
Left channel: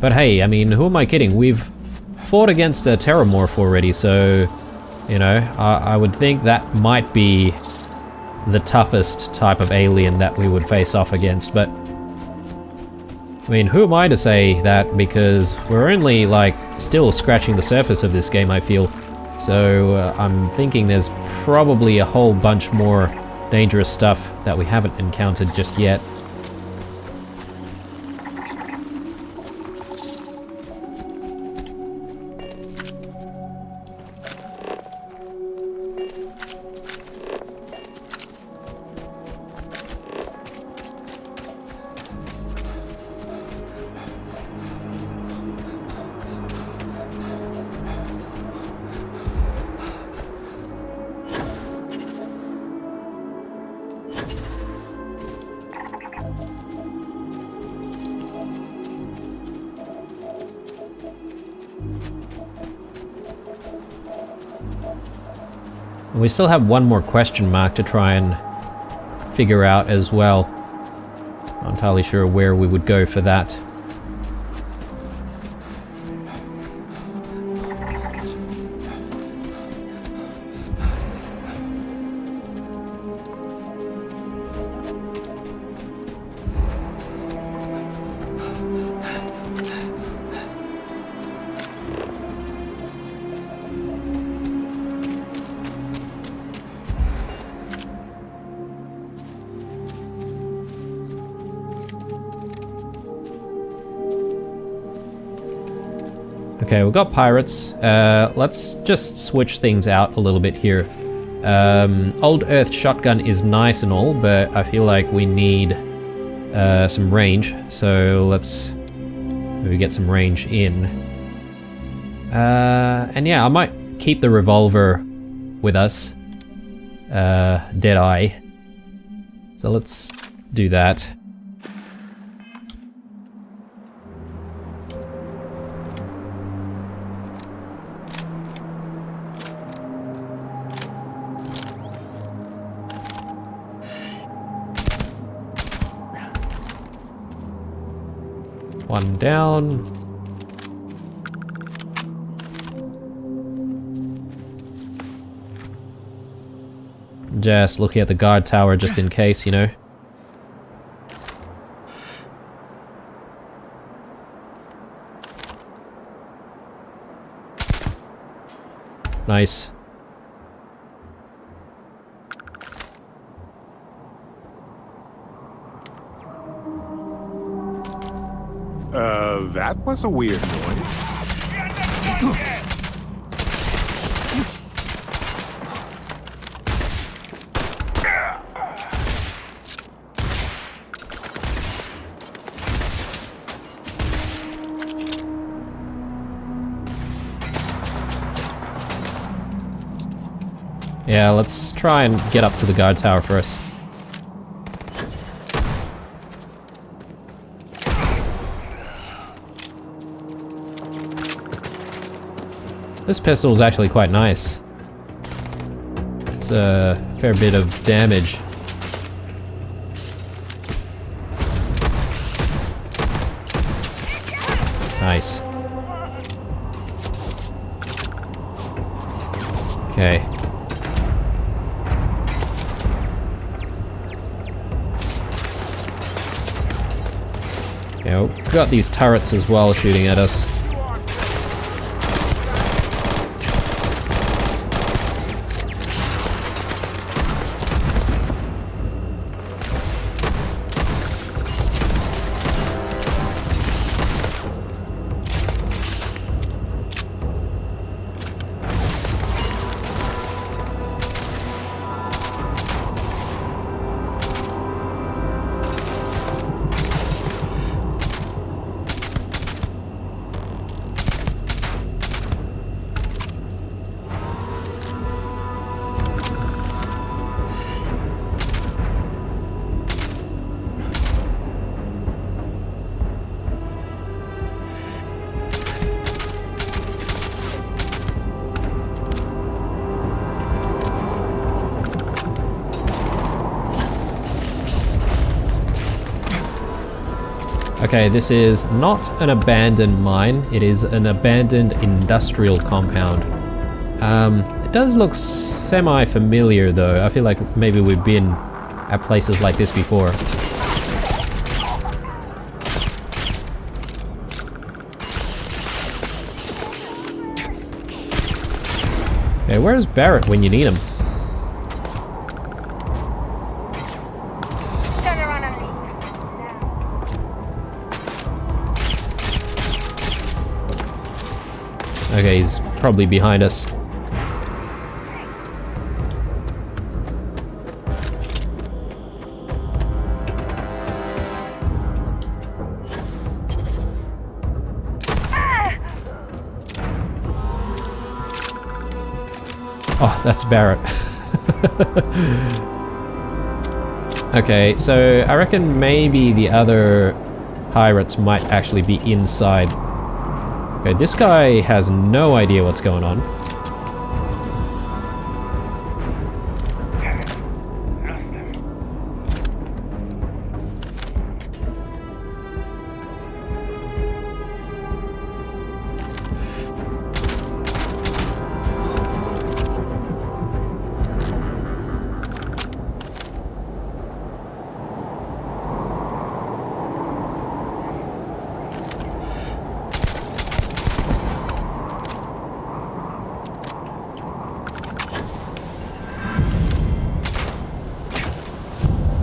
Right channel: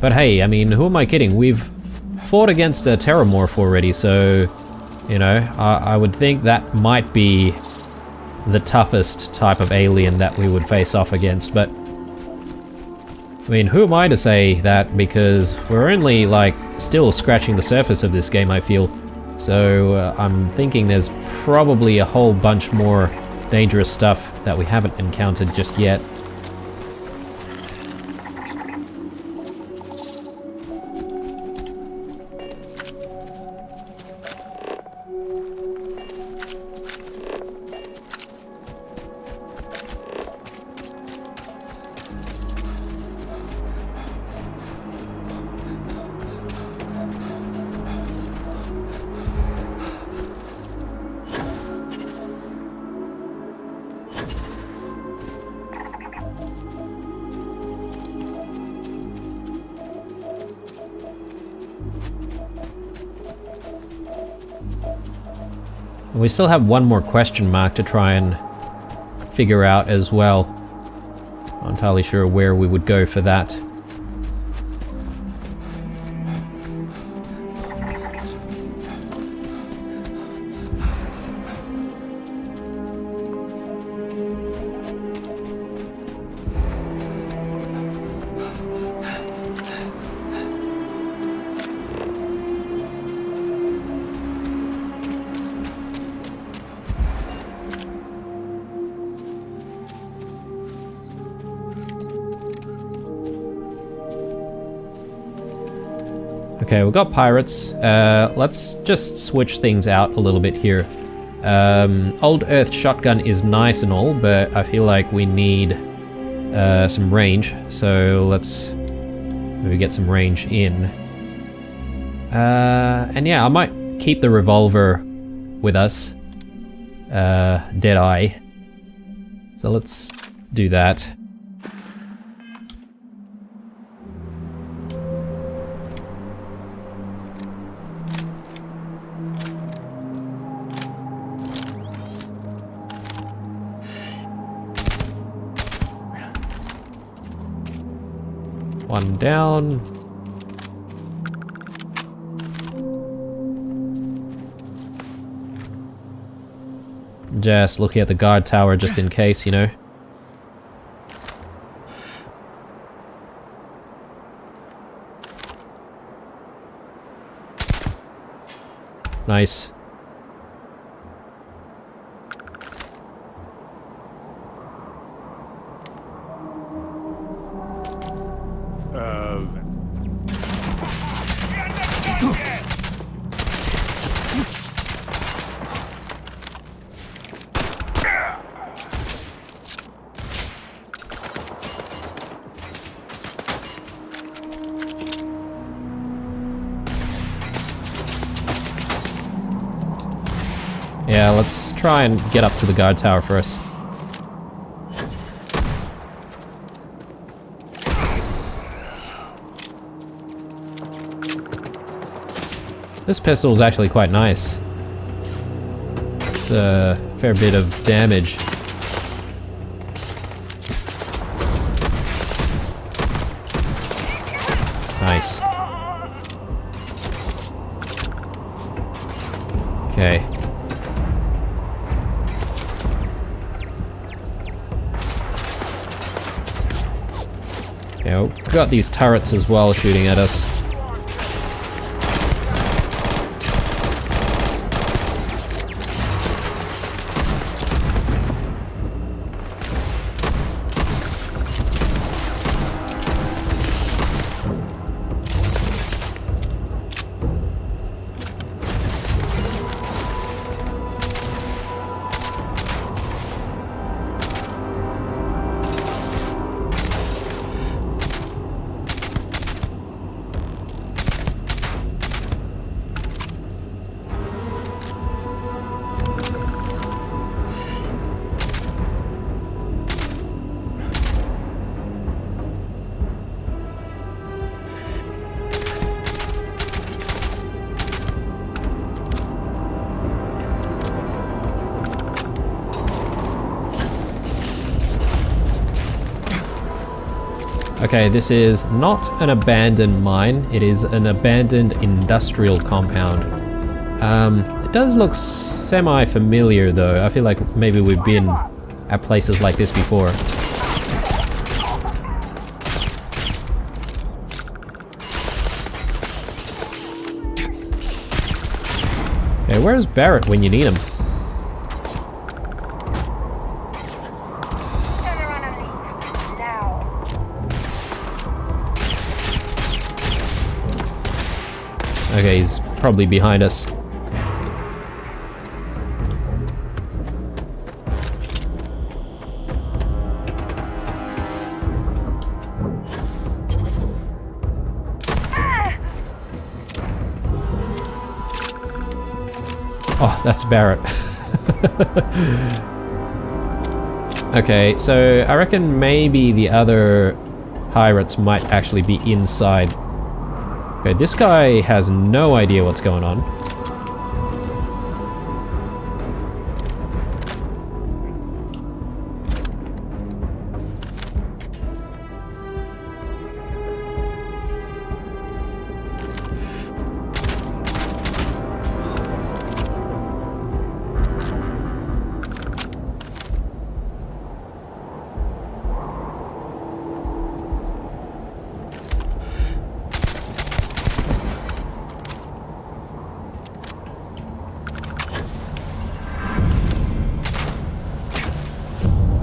But hey, I mean, who am I kidding? We've fought against a terramorph already, so, you know, I would think that might be the toughest type of alien that we would face off against, but I mean, who am I to say that, because we're only like still scratching the surface of this game, I feel. So I'm thinking there's probably a whole bunch more dangerous stuff that we haven't encountered just yet. And we still have one more question mark to try and figure out as well. Not entirely sure where we would go for that. Okay, we've got pirates. Let's just switch things out a little bit here. Old Earth shotgun is nice and all, but I feel like we need some range. So let's maybe get some range in. And yeah, I might keep the revolver with us. Deadeye. So let's do that. One down. Just looking at the guard tower just in case, you know. Nice. That was a weird. Yeah, let's try and get up to the guard tower first. This pistol is actually quite nice. It's a fair bit of damage. Nice. Okay. Yeah, we've got these turrets as well shooting at us. Okay, this is not an abandoned mine, it is an abandoned industrial compound. It does look semi-familiar though. I feel like maybe we've been at places like this before. Okay, where's Barrett when you need him? Turn around and leave. Now. Okay, he's probably behind us. Oh, that's Barrett. Okay, so I reckon maybe the other pirates might actually be inside. Okay, this guy has no idea what's going on.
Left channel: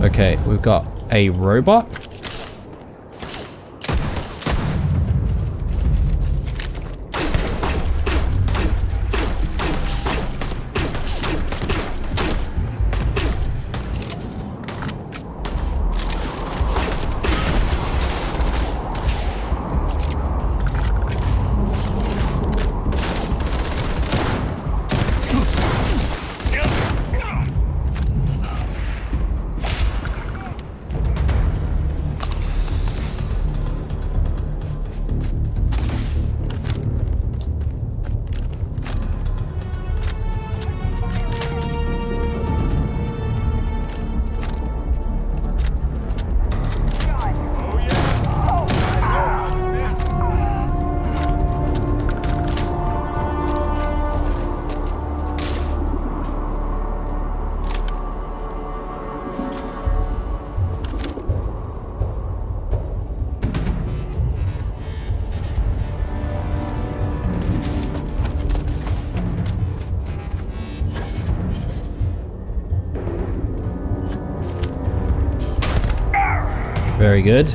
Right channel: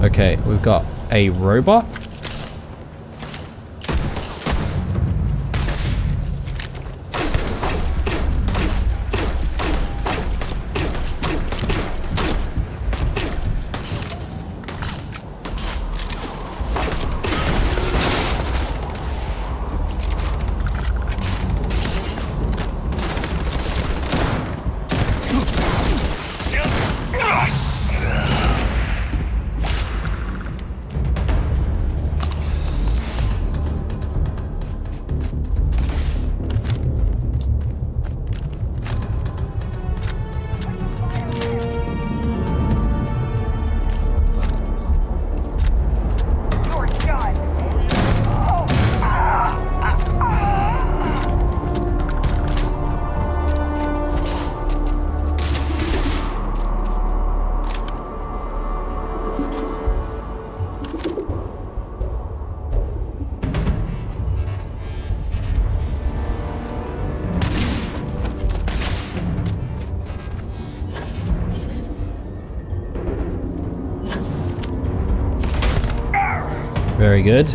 Okay, we've got a robot. Very good.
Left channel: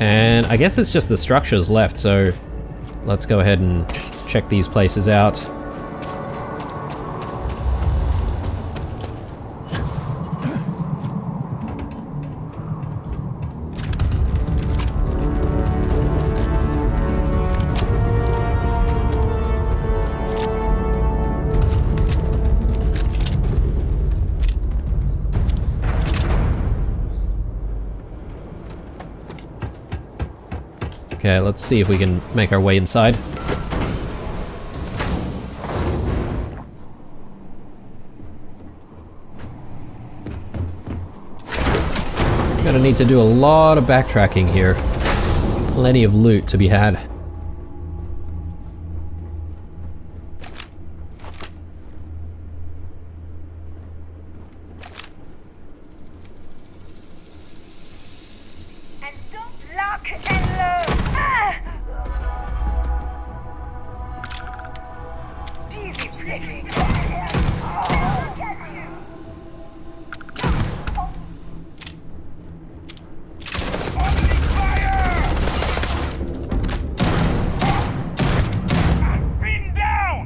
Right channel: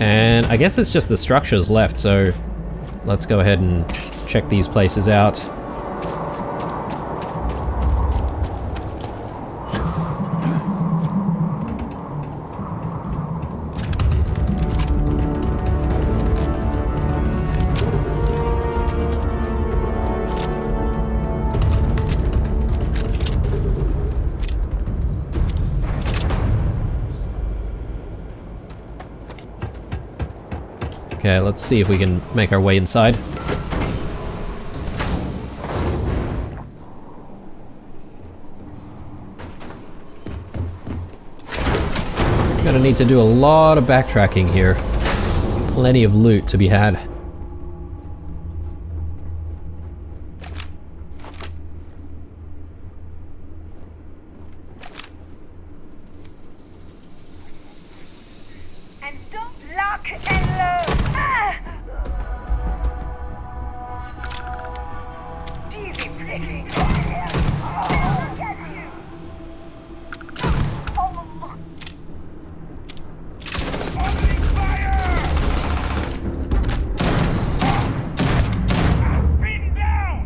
And I guess it's just the structures left, so let's go ahead and check these places out. Okay, let's see if we can make our way inside. Gonna need to do a lot of backtracking here. Plenty of loot to be had. And don't lock and load. Easy picking. Oh, get you. Opening fire! Been down!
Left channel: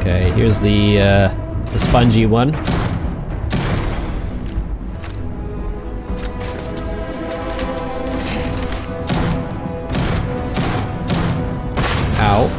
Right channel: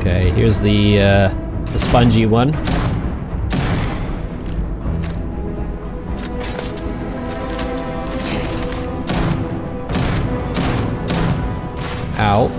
Okay, here's the spongy one. Ow.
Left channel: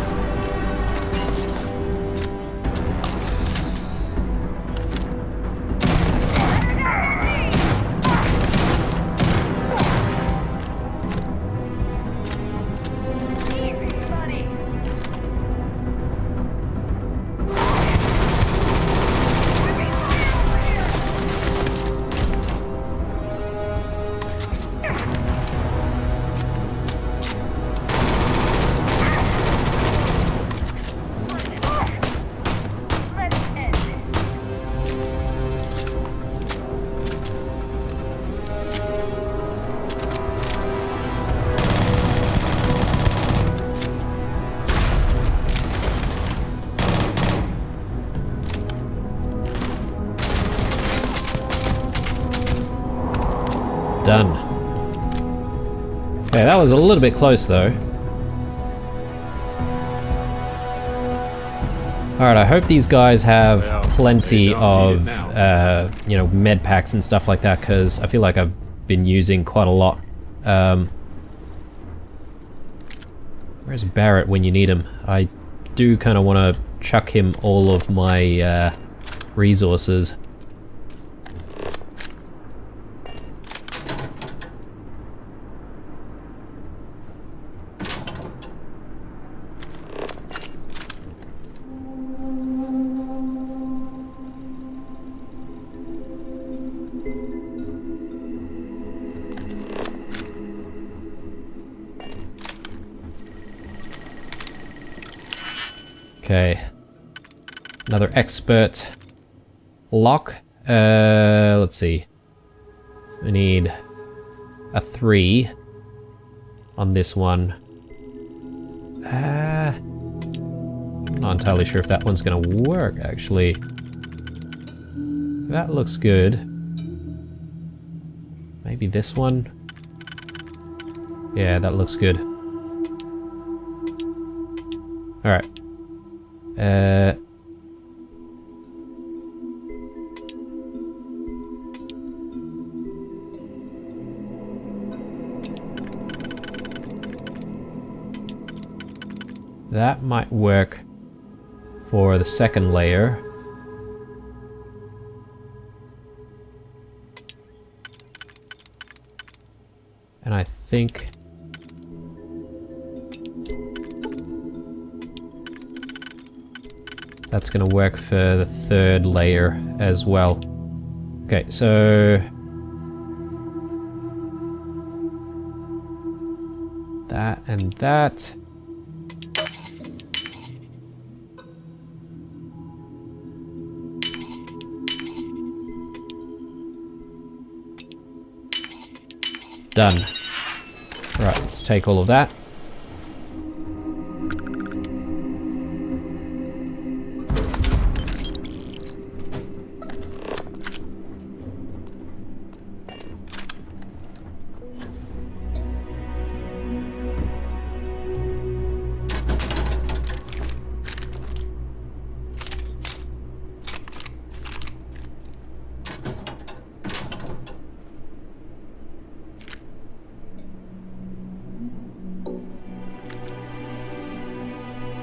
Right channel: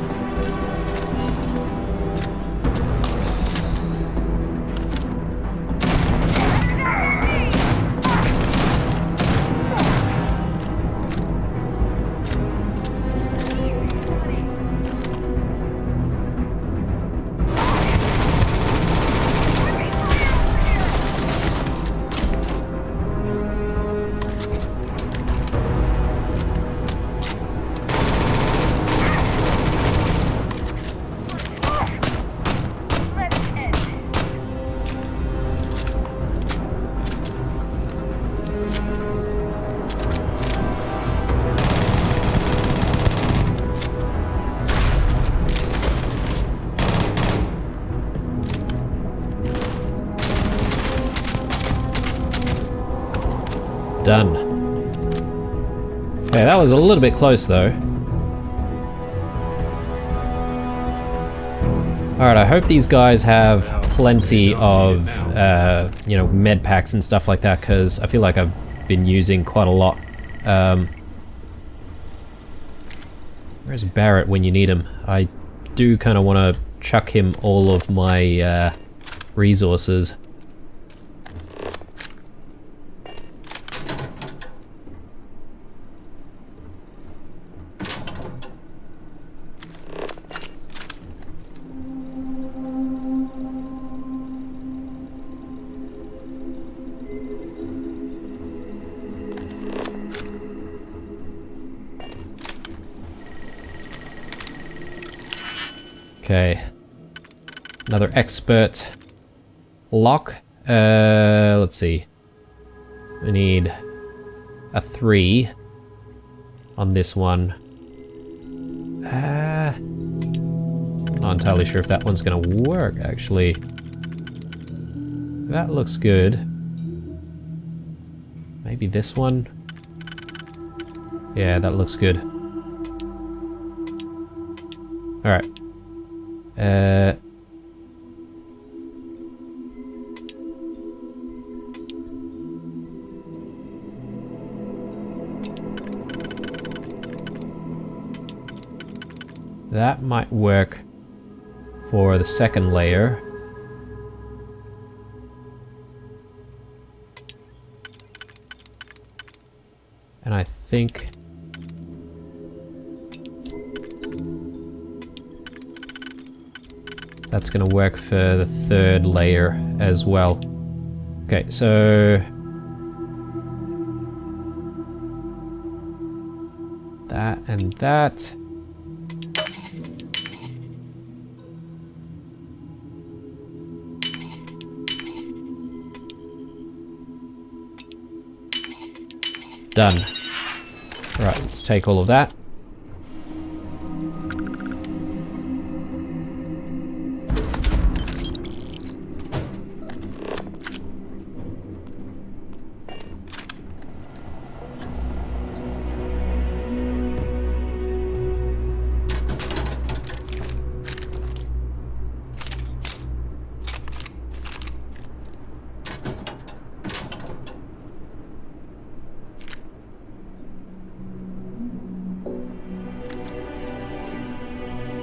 Done. Okay, that was a little bit close though. Alright, I hope these guys have plenty of, you know, med packs and stuff like that, because I feel like I've been using quite a lot. Where's Barrett when you need him? I do kind of want to chuck him all of my resources. Okay, another expert lock. Let's see. We need a 3 on this one. Not entirely sure if that one's gonna work, actually. That looks good. Maybe this one? Yeah, that looks good. Alright. That might work for the second layer. And I think that's gonna work for the third layer as well. Okay, so that and that. Done. Alright, let's take all of that.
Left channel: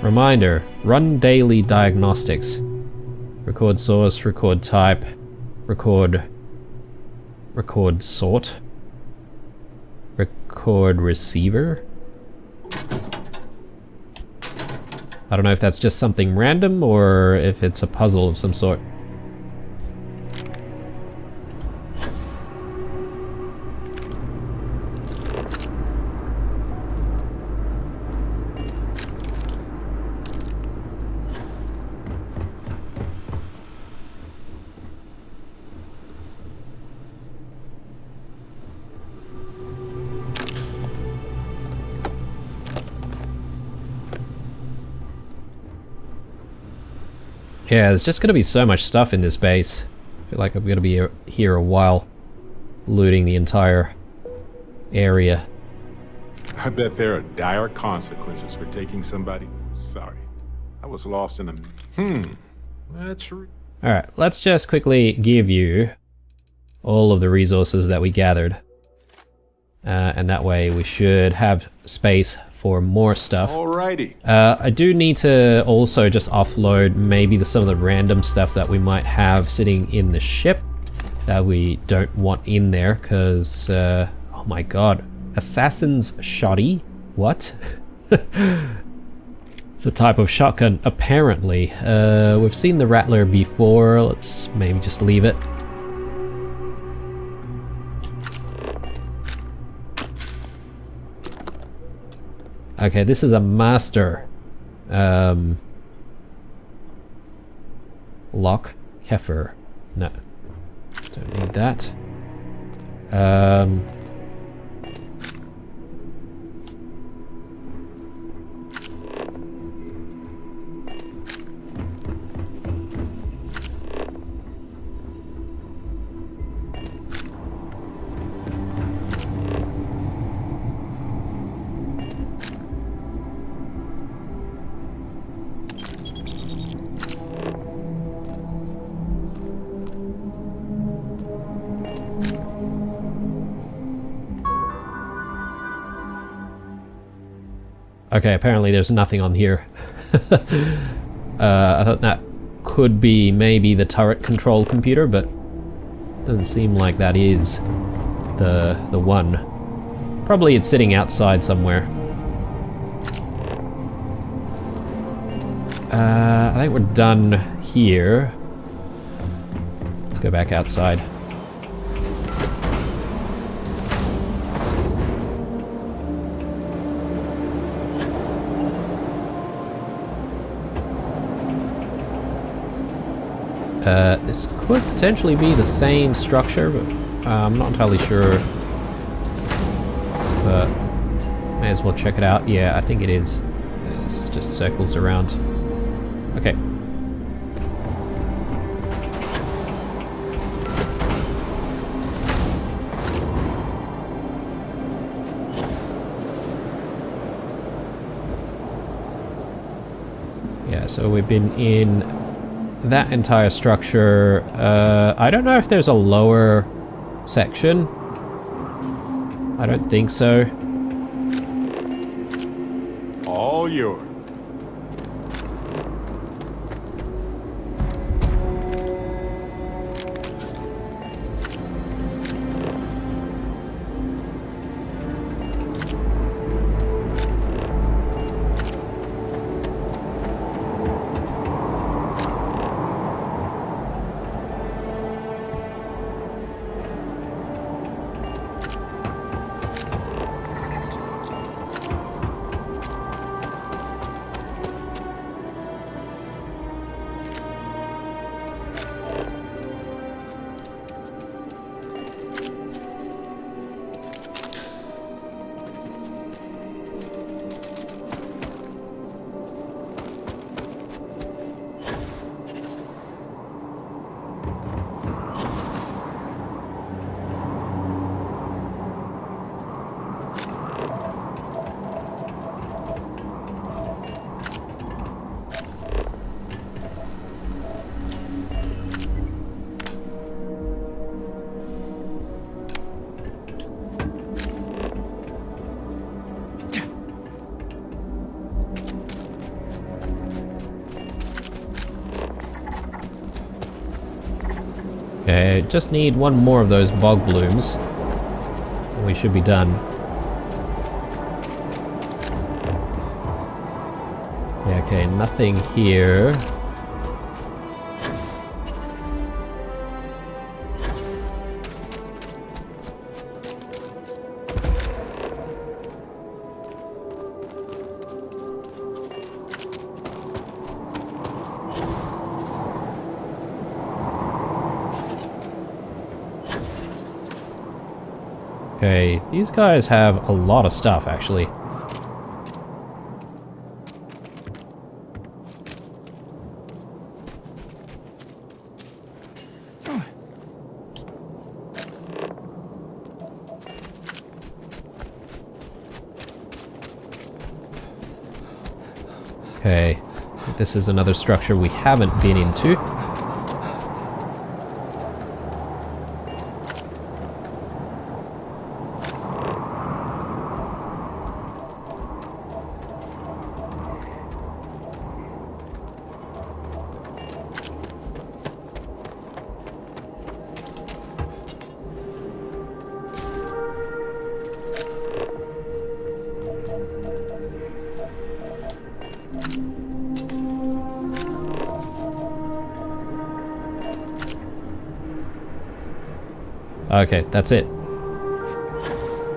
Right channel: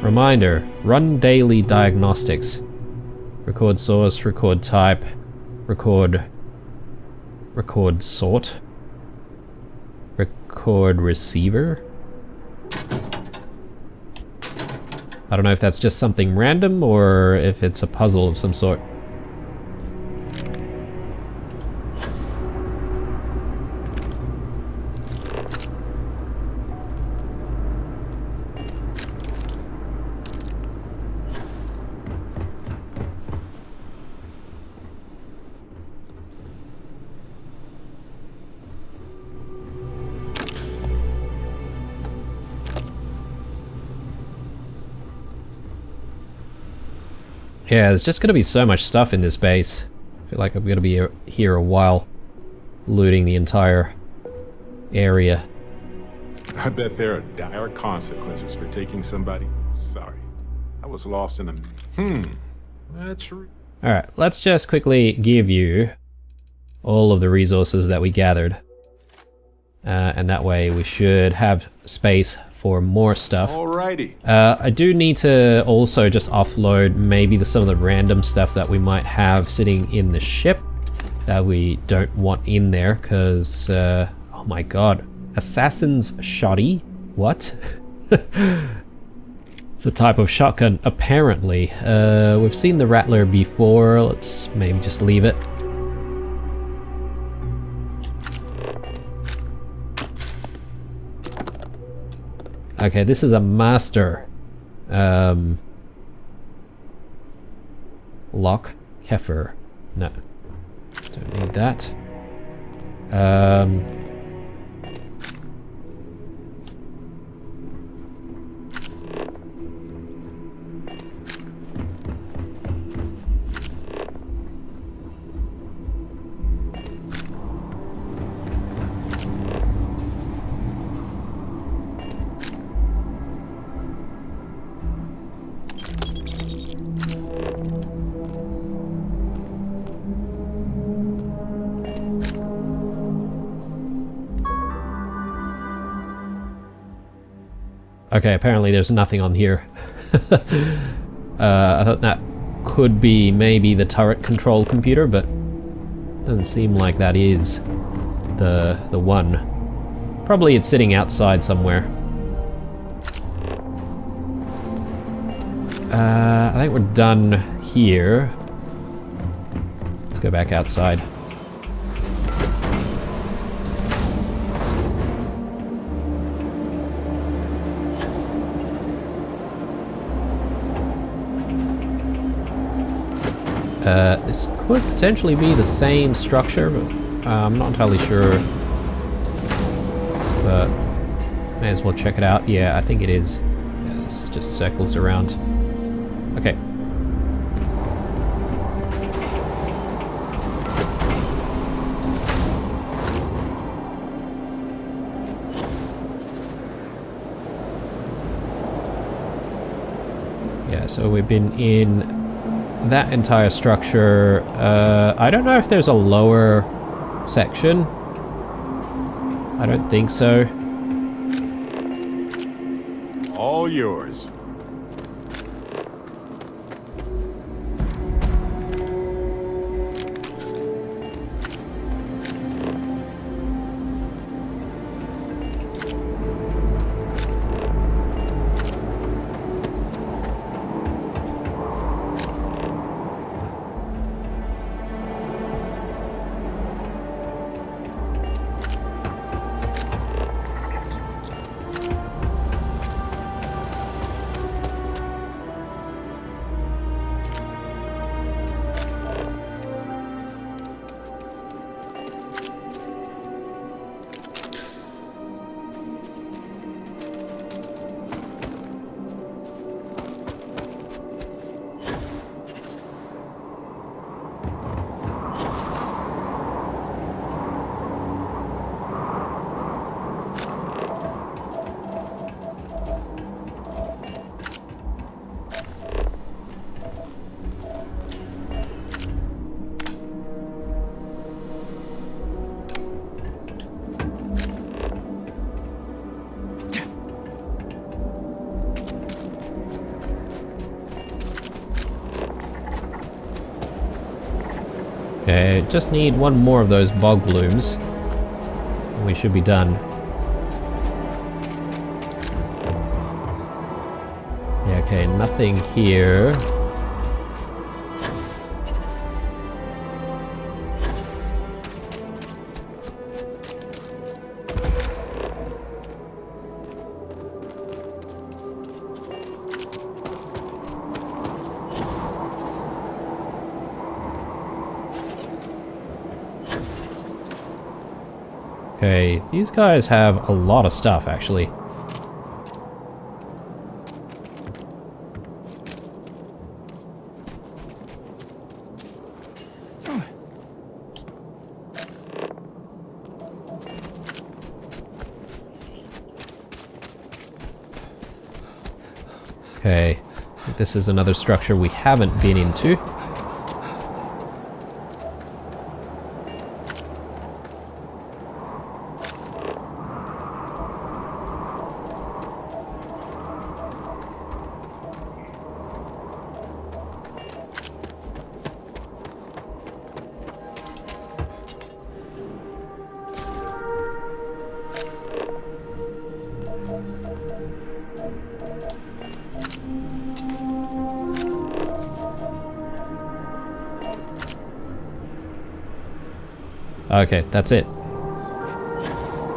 Reminder, run daily diagnostics. Record source, record type, record sort, record receiver. I don't know if that's just something random or if it's a puzzle of some sort. Yeah, there's just gonna be so much stuff in this base. I feel like I'm gonna be here a while, looting the entire area. I bet there are dire consequences for taking somebody. Sorry, I was lost in a... That's... Alright, let's just quickly give you all of the resources that we gathered. And that way we should have space for more stuff. Alrighty. I do need to also just offload maybe some of the random stuff that we might have sitting in the ship that we don't want in there, because, oh my god. Assassin's Shoddy? What? It's a type of shotgun, apparently. We've seen the Rattler before, let's maybe just leave it. Okay, this is a master lock. Heifer. No. Don't need that. Okay, apparently there's nothing on here. I thought that could be maybe the turret control computer, but doesn't seem like that is the one. Probably it's sitting outside somewhere. I think we're done here. Let's go back outside. This could potentially be the same structure, but I'm not entirely sure. But may as well check it out. Yeah, I think it is. Yeah, it's just circles around. Okay. Yeah, so we've been in that entire structure. I don't know if there's a lower section. I don't think so. All yours. Okay, just need one more of those bog blooms, and we should be done. Yeah, okay, nothing here. Okay, these guys have a lot of stuff, actually. Okay, I think this is another structure we haven't been into. Okay, that's it.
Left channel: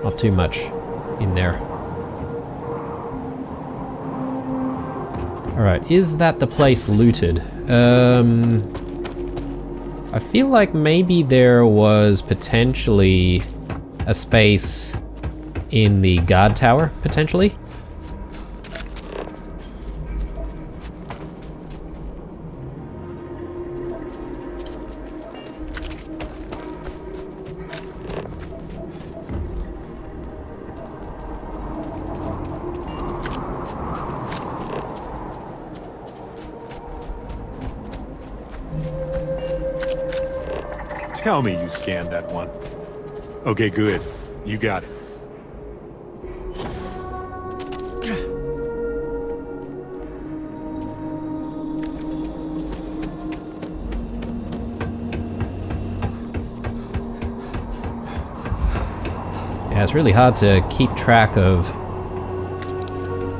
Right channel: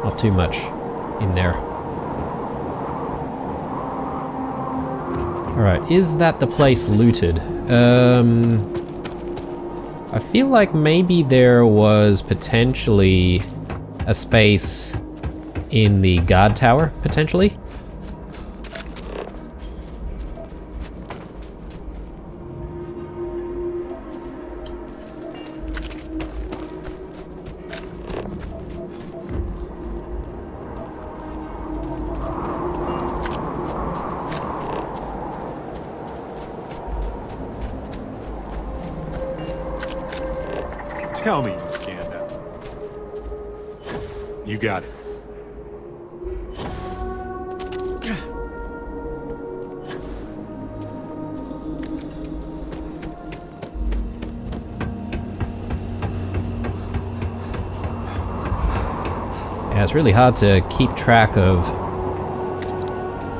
Not too much in there. Alright, is that the place looted? I feel like maybe there was potentially a space in the guard tower, potentially. Tell me you scanned that one. Okay, good. You got it. Yeah, it's really hard to keep track of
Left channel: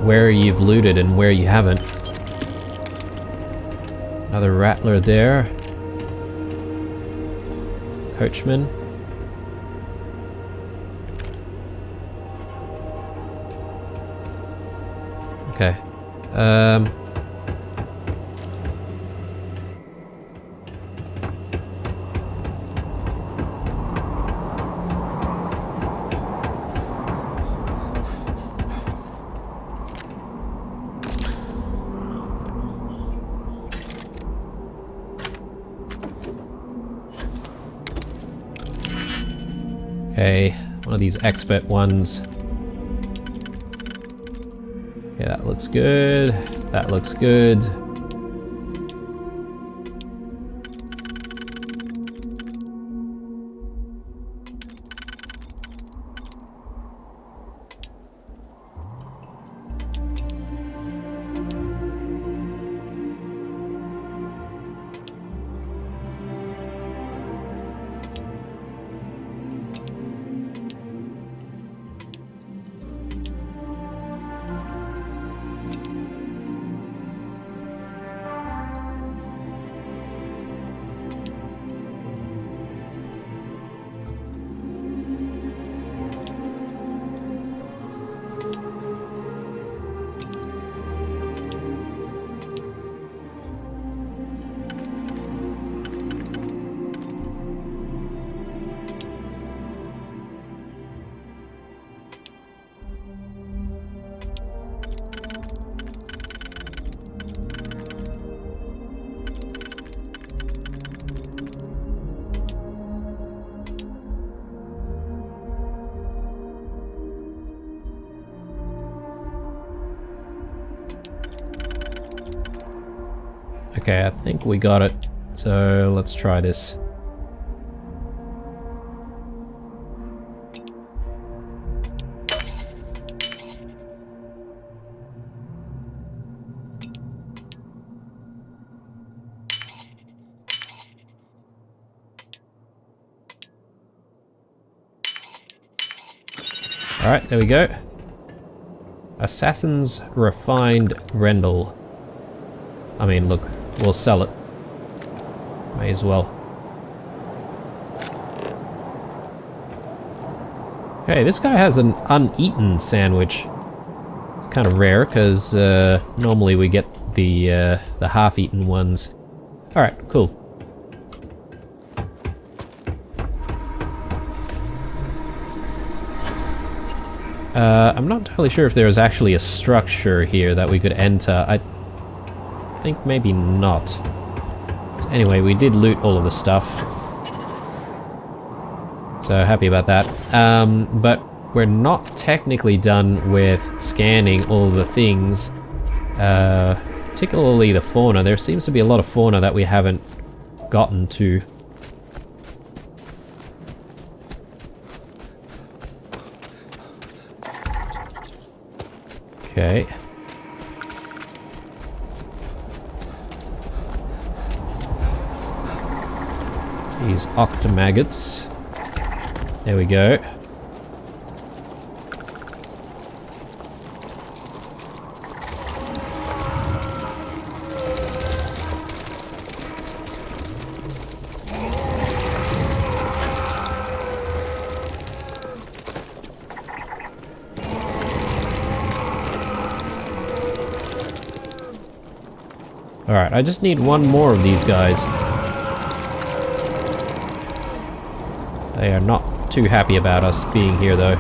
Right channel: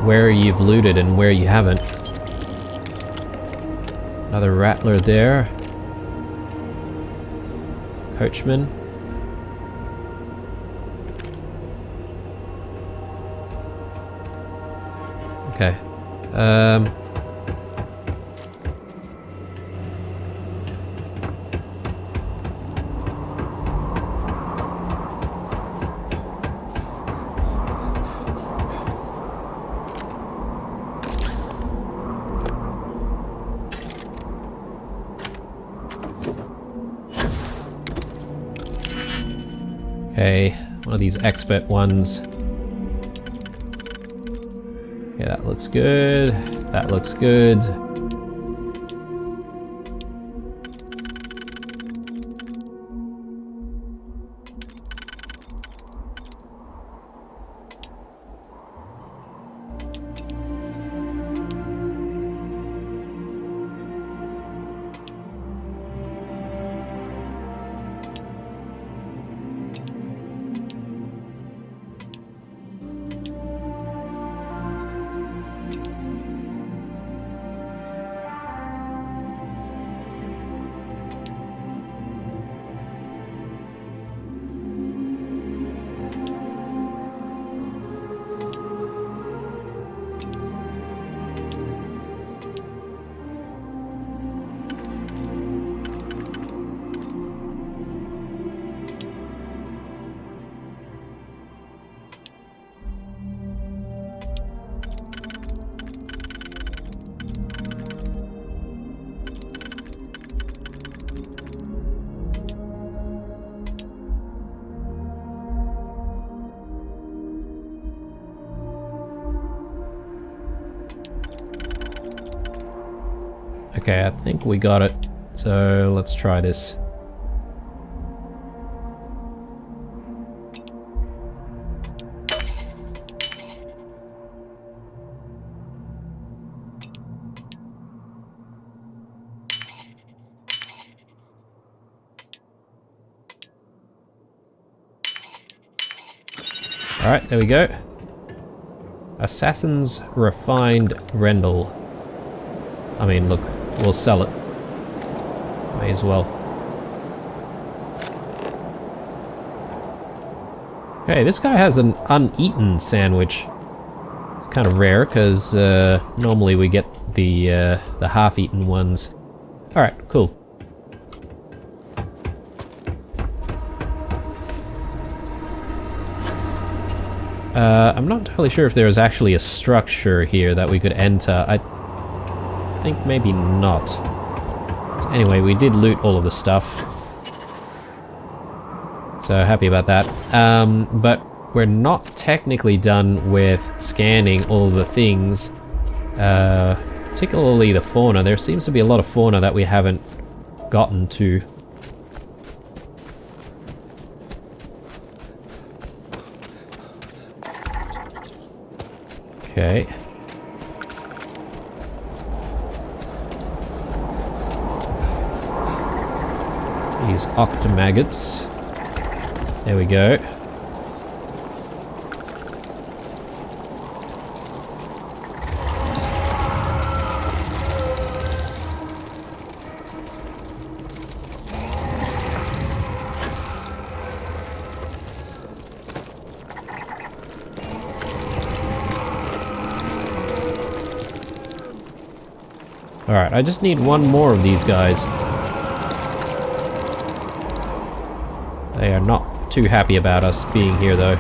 where you've looted and where you haven't. Another rattler there. Coachman. Okay. Okay, one of these expert ones. Okay, that looks good. That looks good. Okay, I think we got it. So let's try this. Alright, there we go. Assassin's Refined Rendell. I mean, look, we'll sell it. May as well. Okay, this guy has an uneaten sandwich. It's kind of rare, because normally we get the half-eaten ones. Alright, cool. I'm not entirely sure if there is actually a structure here that we could enter. I think maybe not. So anyway, we did loot all of the stuff. So happy about that. But we're not technically done with scanning all the things. Particularly the fauna. There seems to be a lot of fauna that we haven't gotten to. Okay. These octomaggots. There we go. Alright, I just need one more of these guys. They are not too happy about us being here, though.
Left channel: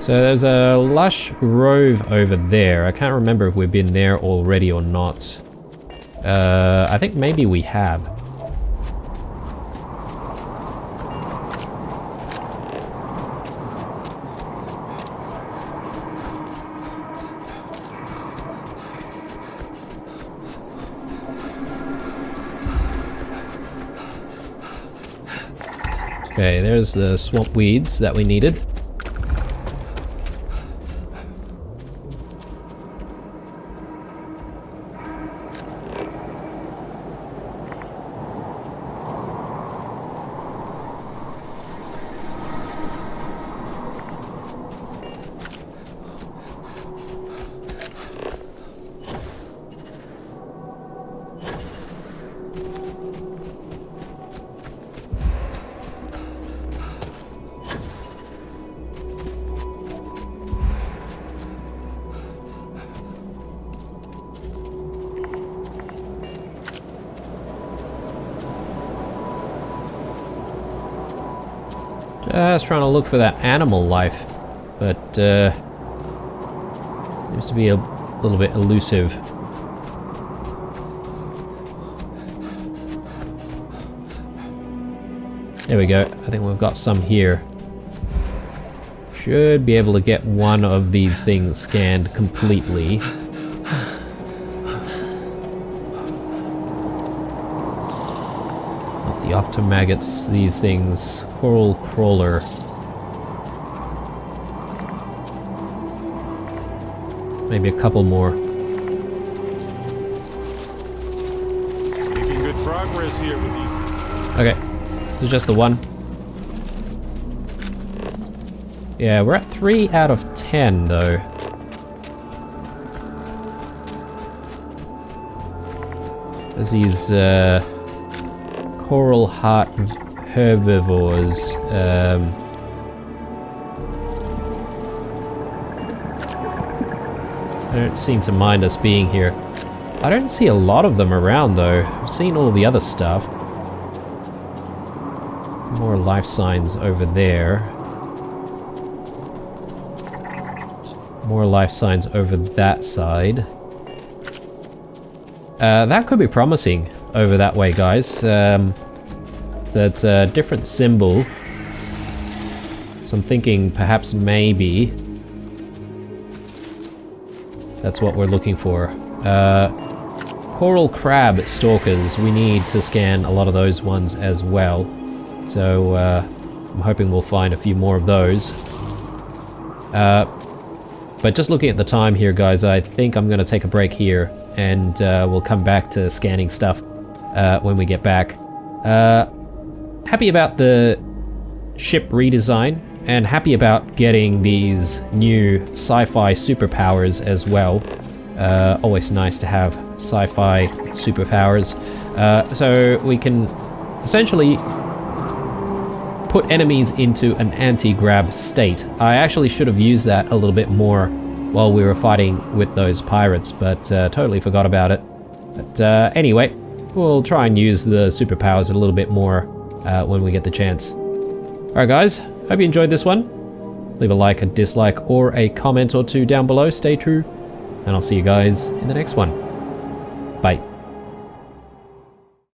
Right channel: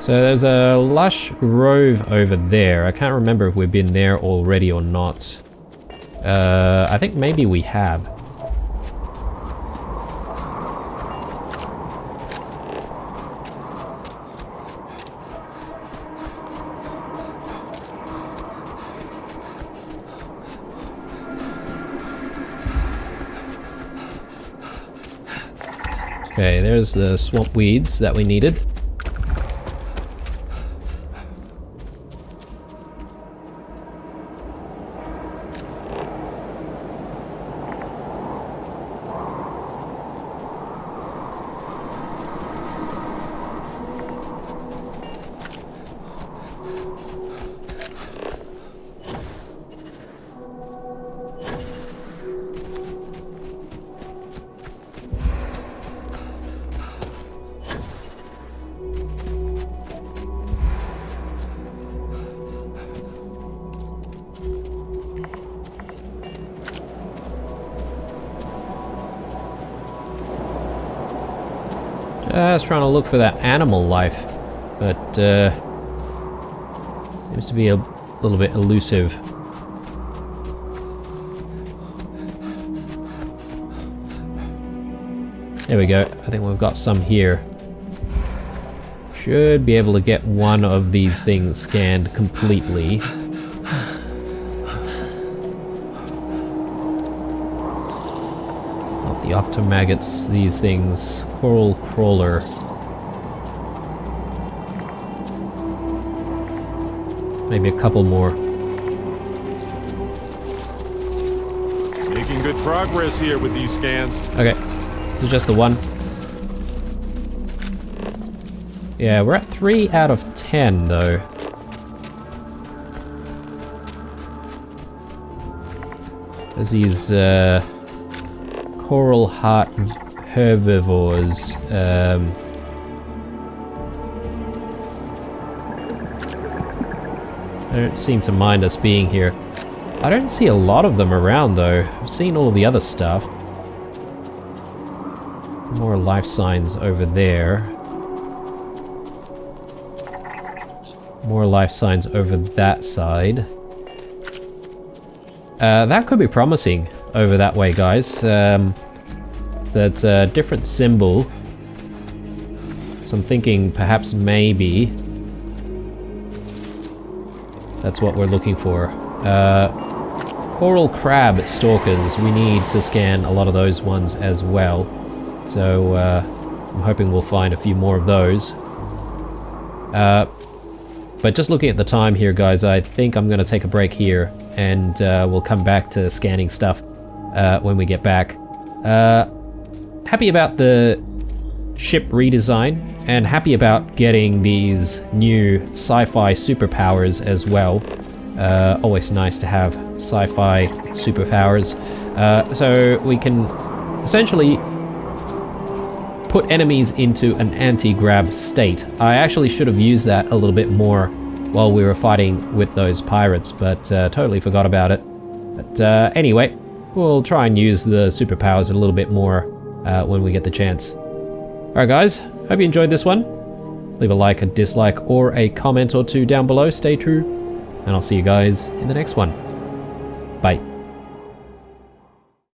So there's a lush grove over there. I can't remember if we've been there already or not. I think maybe we have. Okay, there's the swamp weeds that we needed. Just trying to look for that animal life, but seems to be a little bit elusive. There we go. I think we've got some here. Should be able to get one of these things scanned completely. Not the octomaggots, these things. Coral crawler. Maybe a couple more. Making good progress here with these scans. Okay. This is just the one. Yeah, we're at 3 out of 10 though. There's these coral heart herbivores. They don't seem to mind us being here. I don't see a lot of them around though. I've seen all the other stuff. More life signs over there. More life signs over that side. That could be promising over that way, guys. So it's a different symbol. So I'm thinking perhaps maybe that's what we're looking for. Coral crab stalkers. We need to scan a lot of those ones as well. So I'm hoping we'll find a few more of those. But just looking at the time here, guys, I think I'm going to take a break here, and we'll come back to scanning stuff when we get back. Happy about the ship redesign, and happy about getting these new sci-fi superpowers as well. Always nice to have sci-fi superpowers. So we can essentially put enemies into an anti-grav state. I actually should have used that a little bit more while we were fighting with those pirates, but totally forgot about it. But anyway, we'll try and use the superpowers a little bit more when we get the chance. Alright guys, hope you enjoyed this one. Leave a like, a dislike, or a comment or two down below. Stay true, and I'll see you guys in the next one. Bye.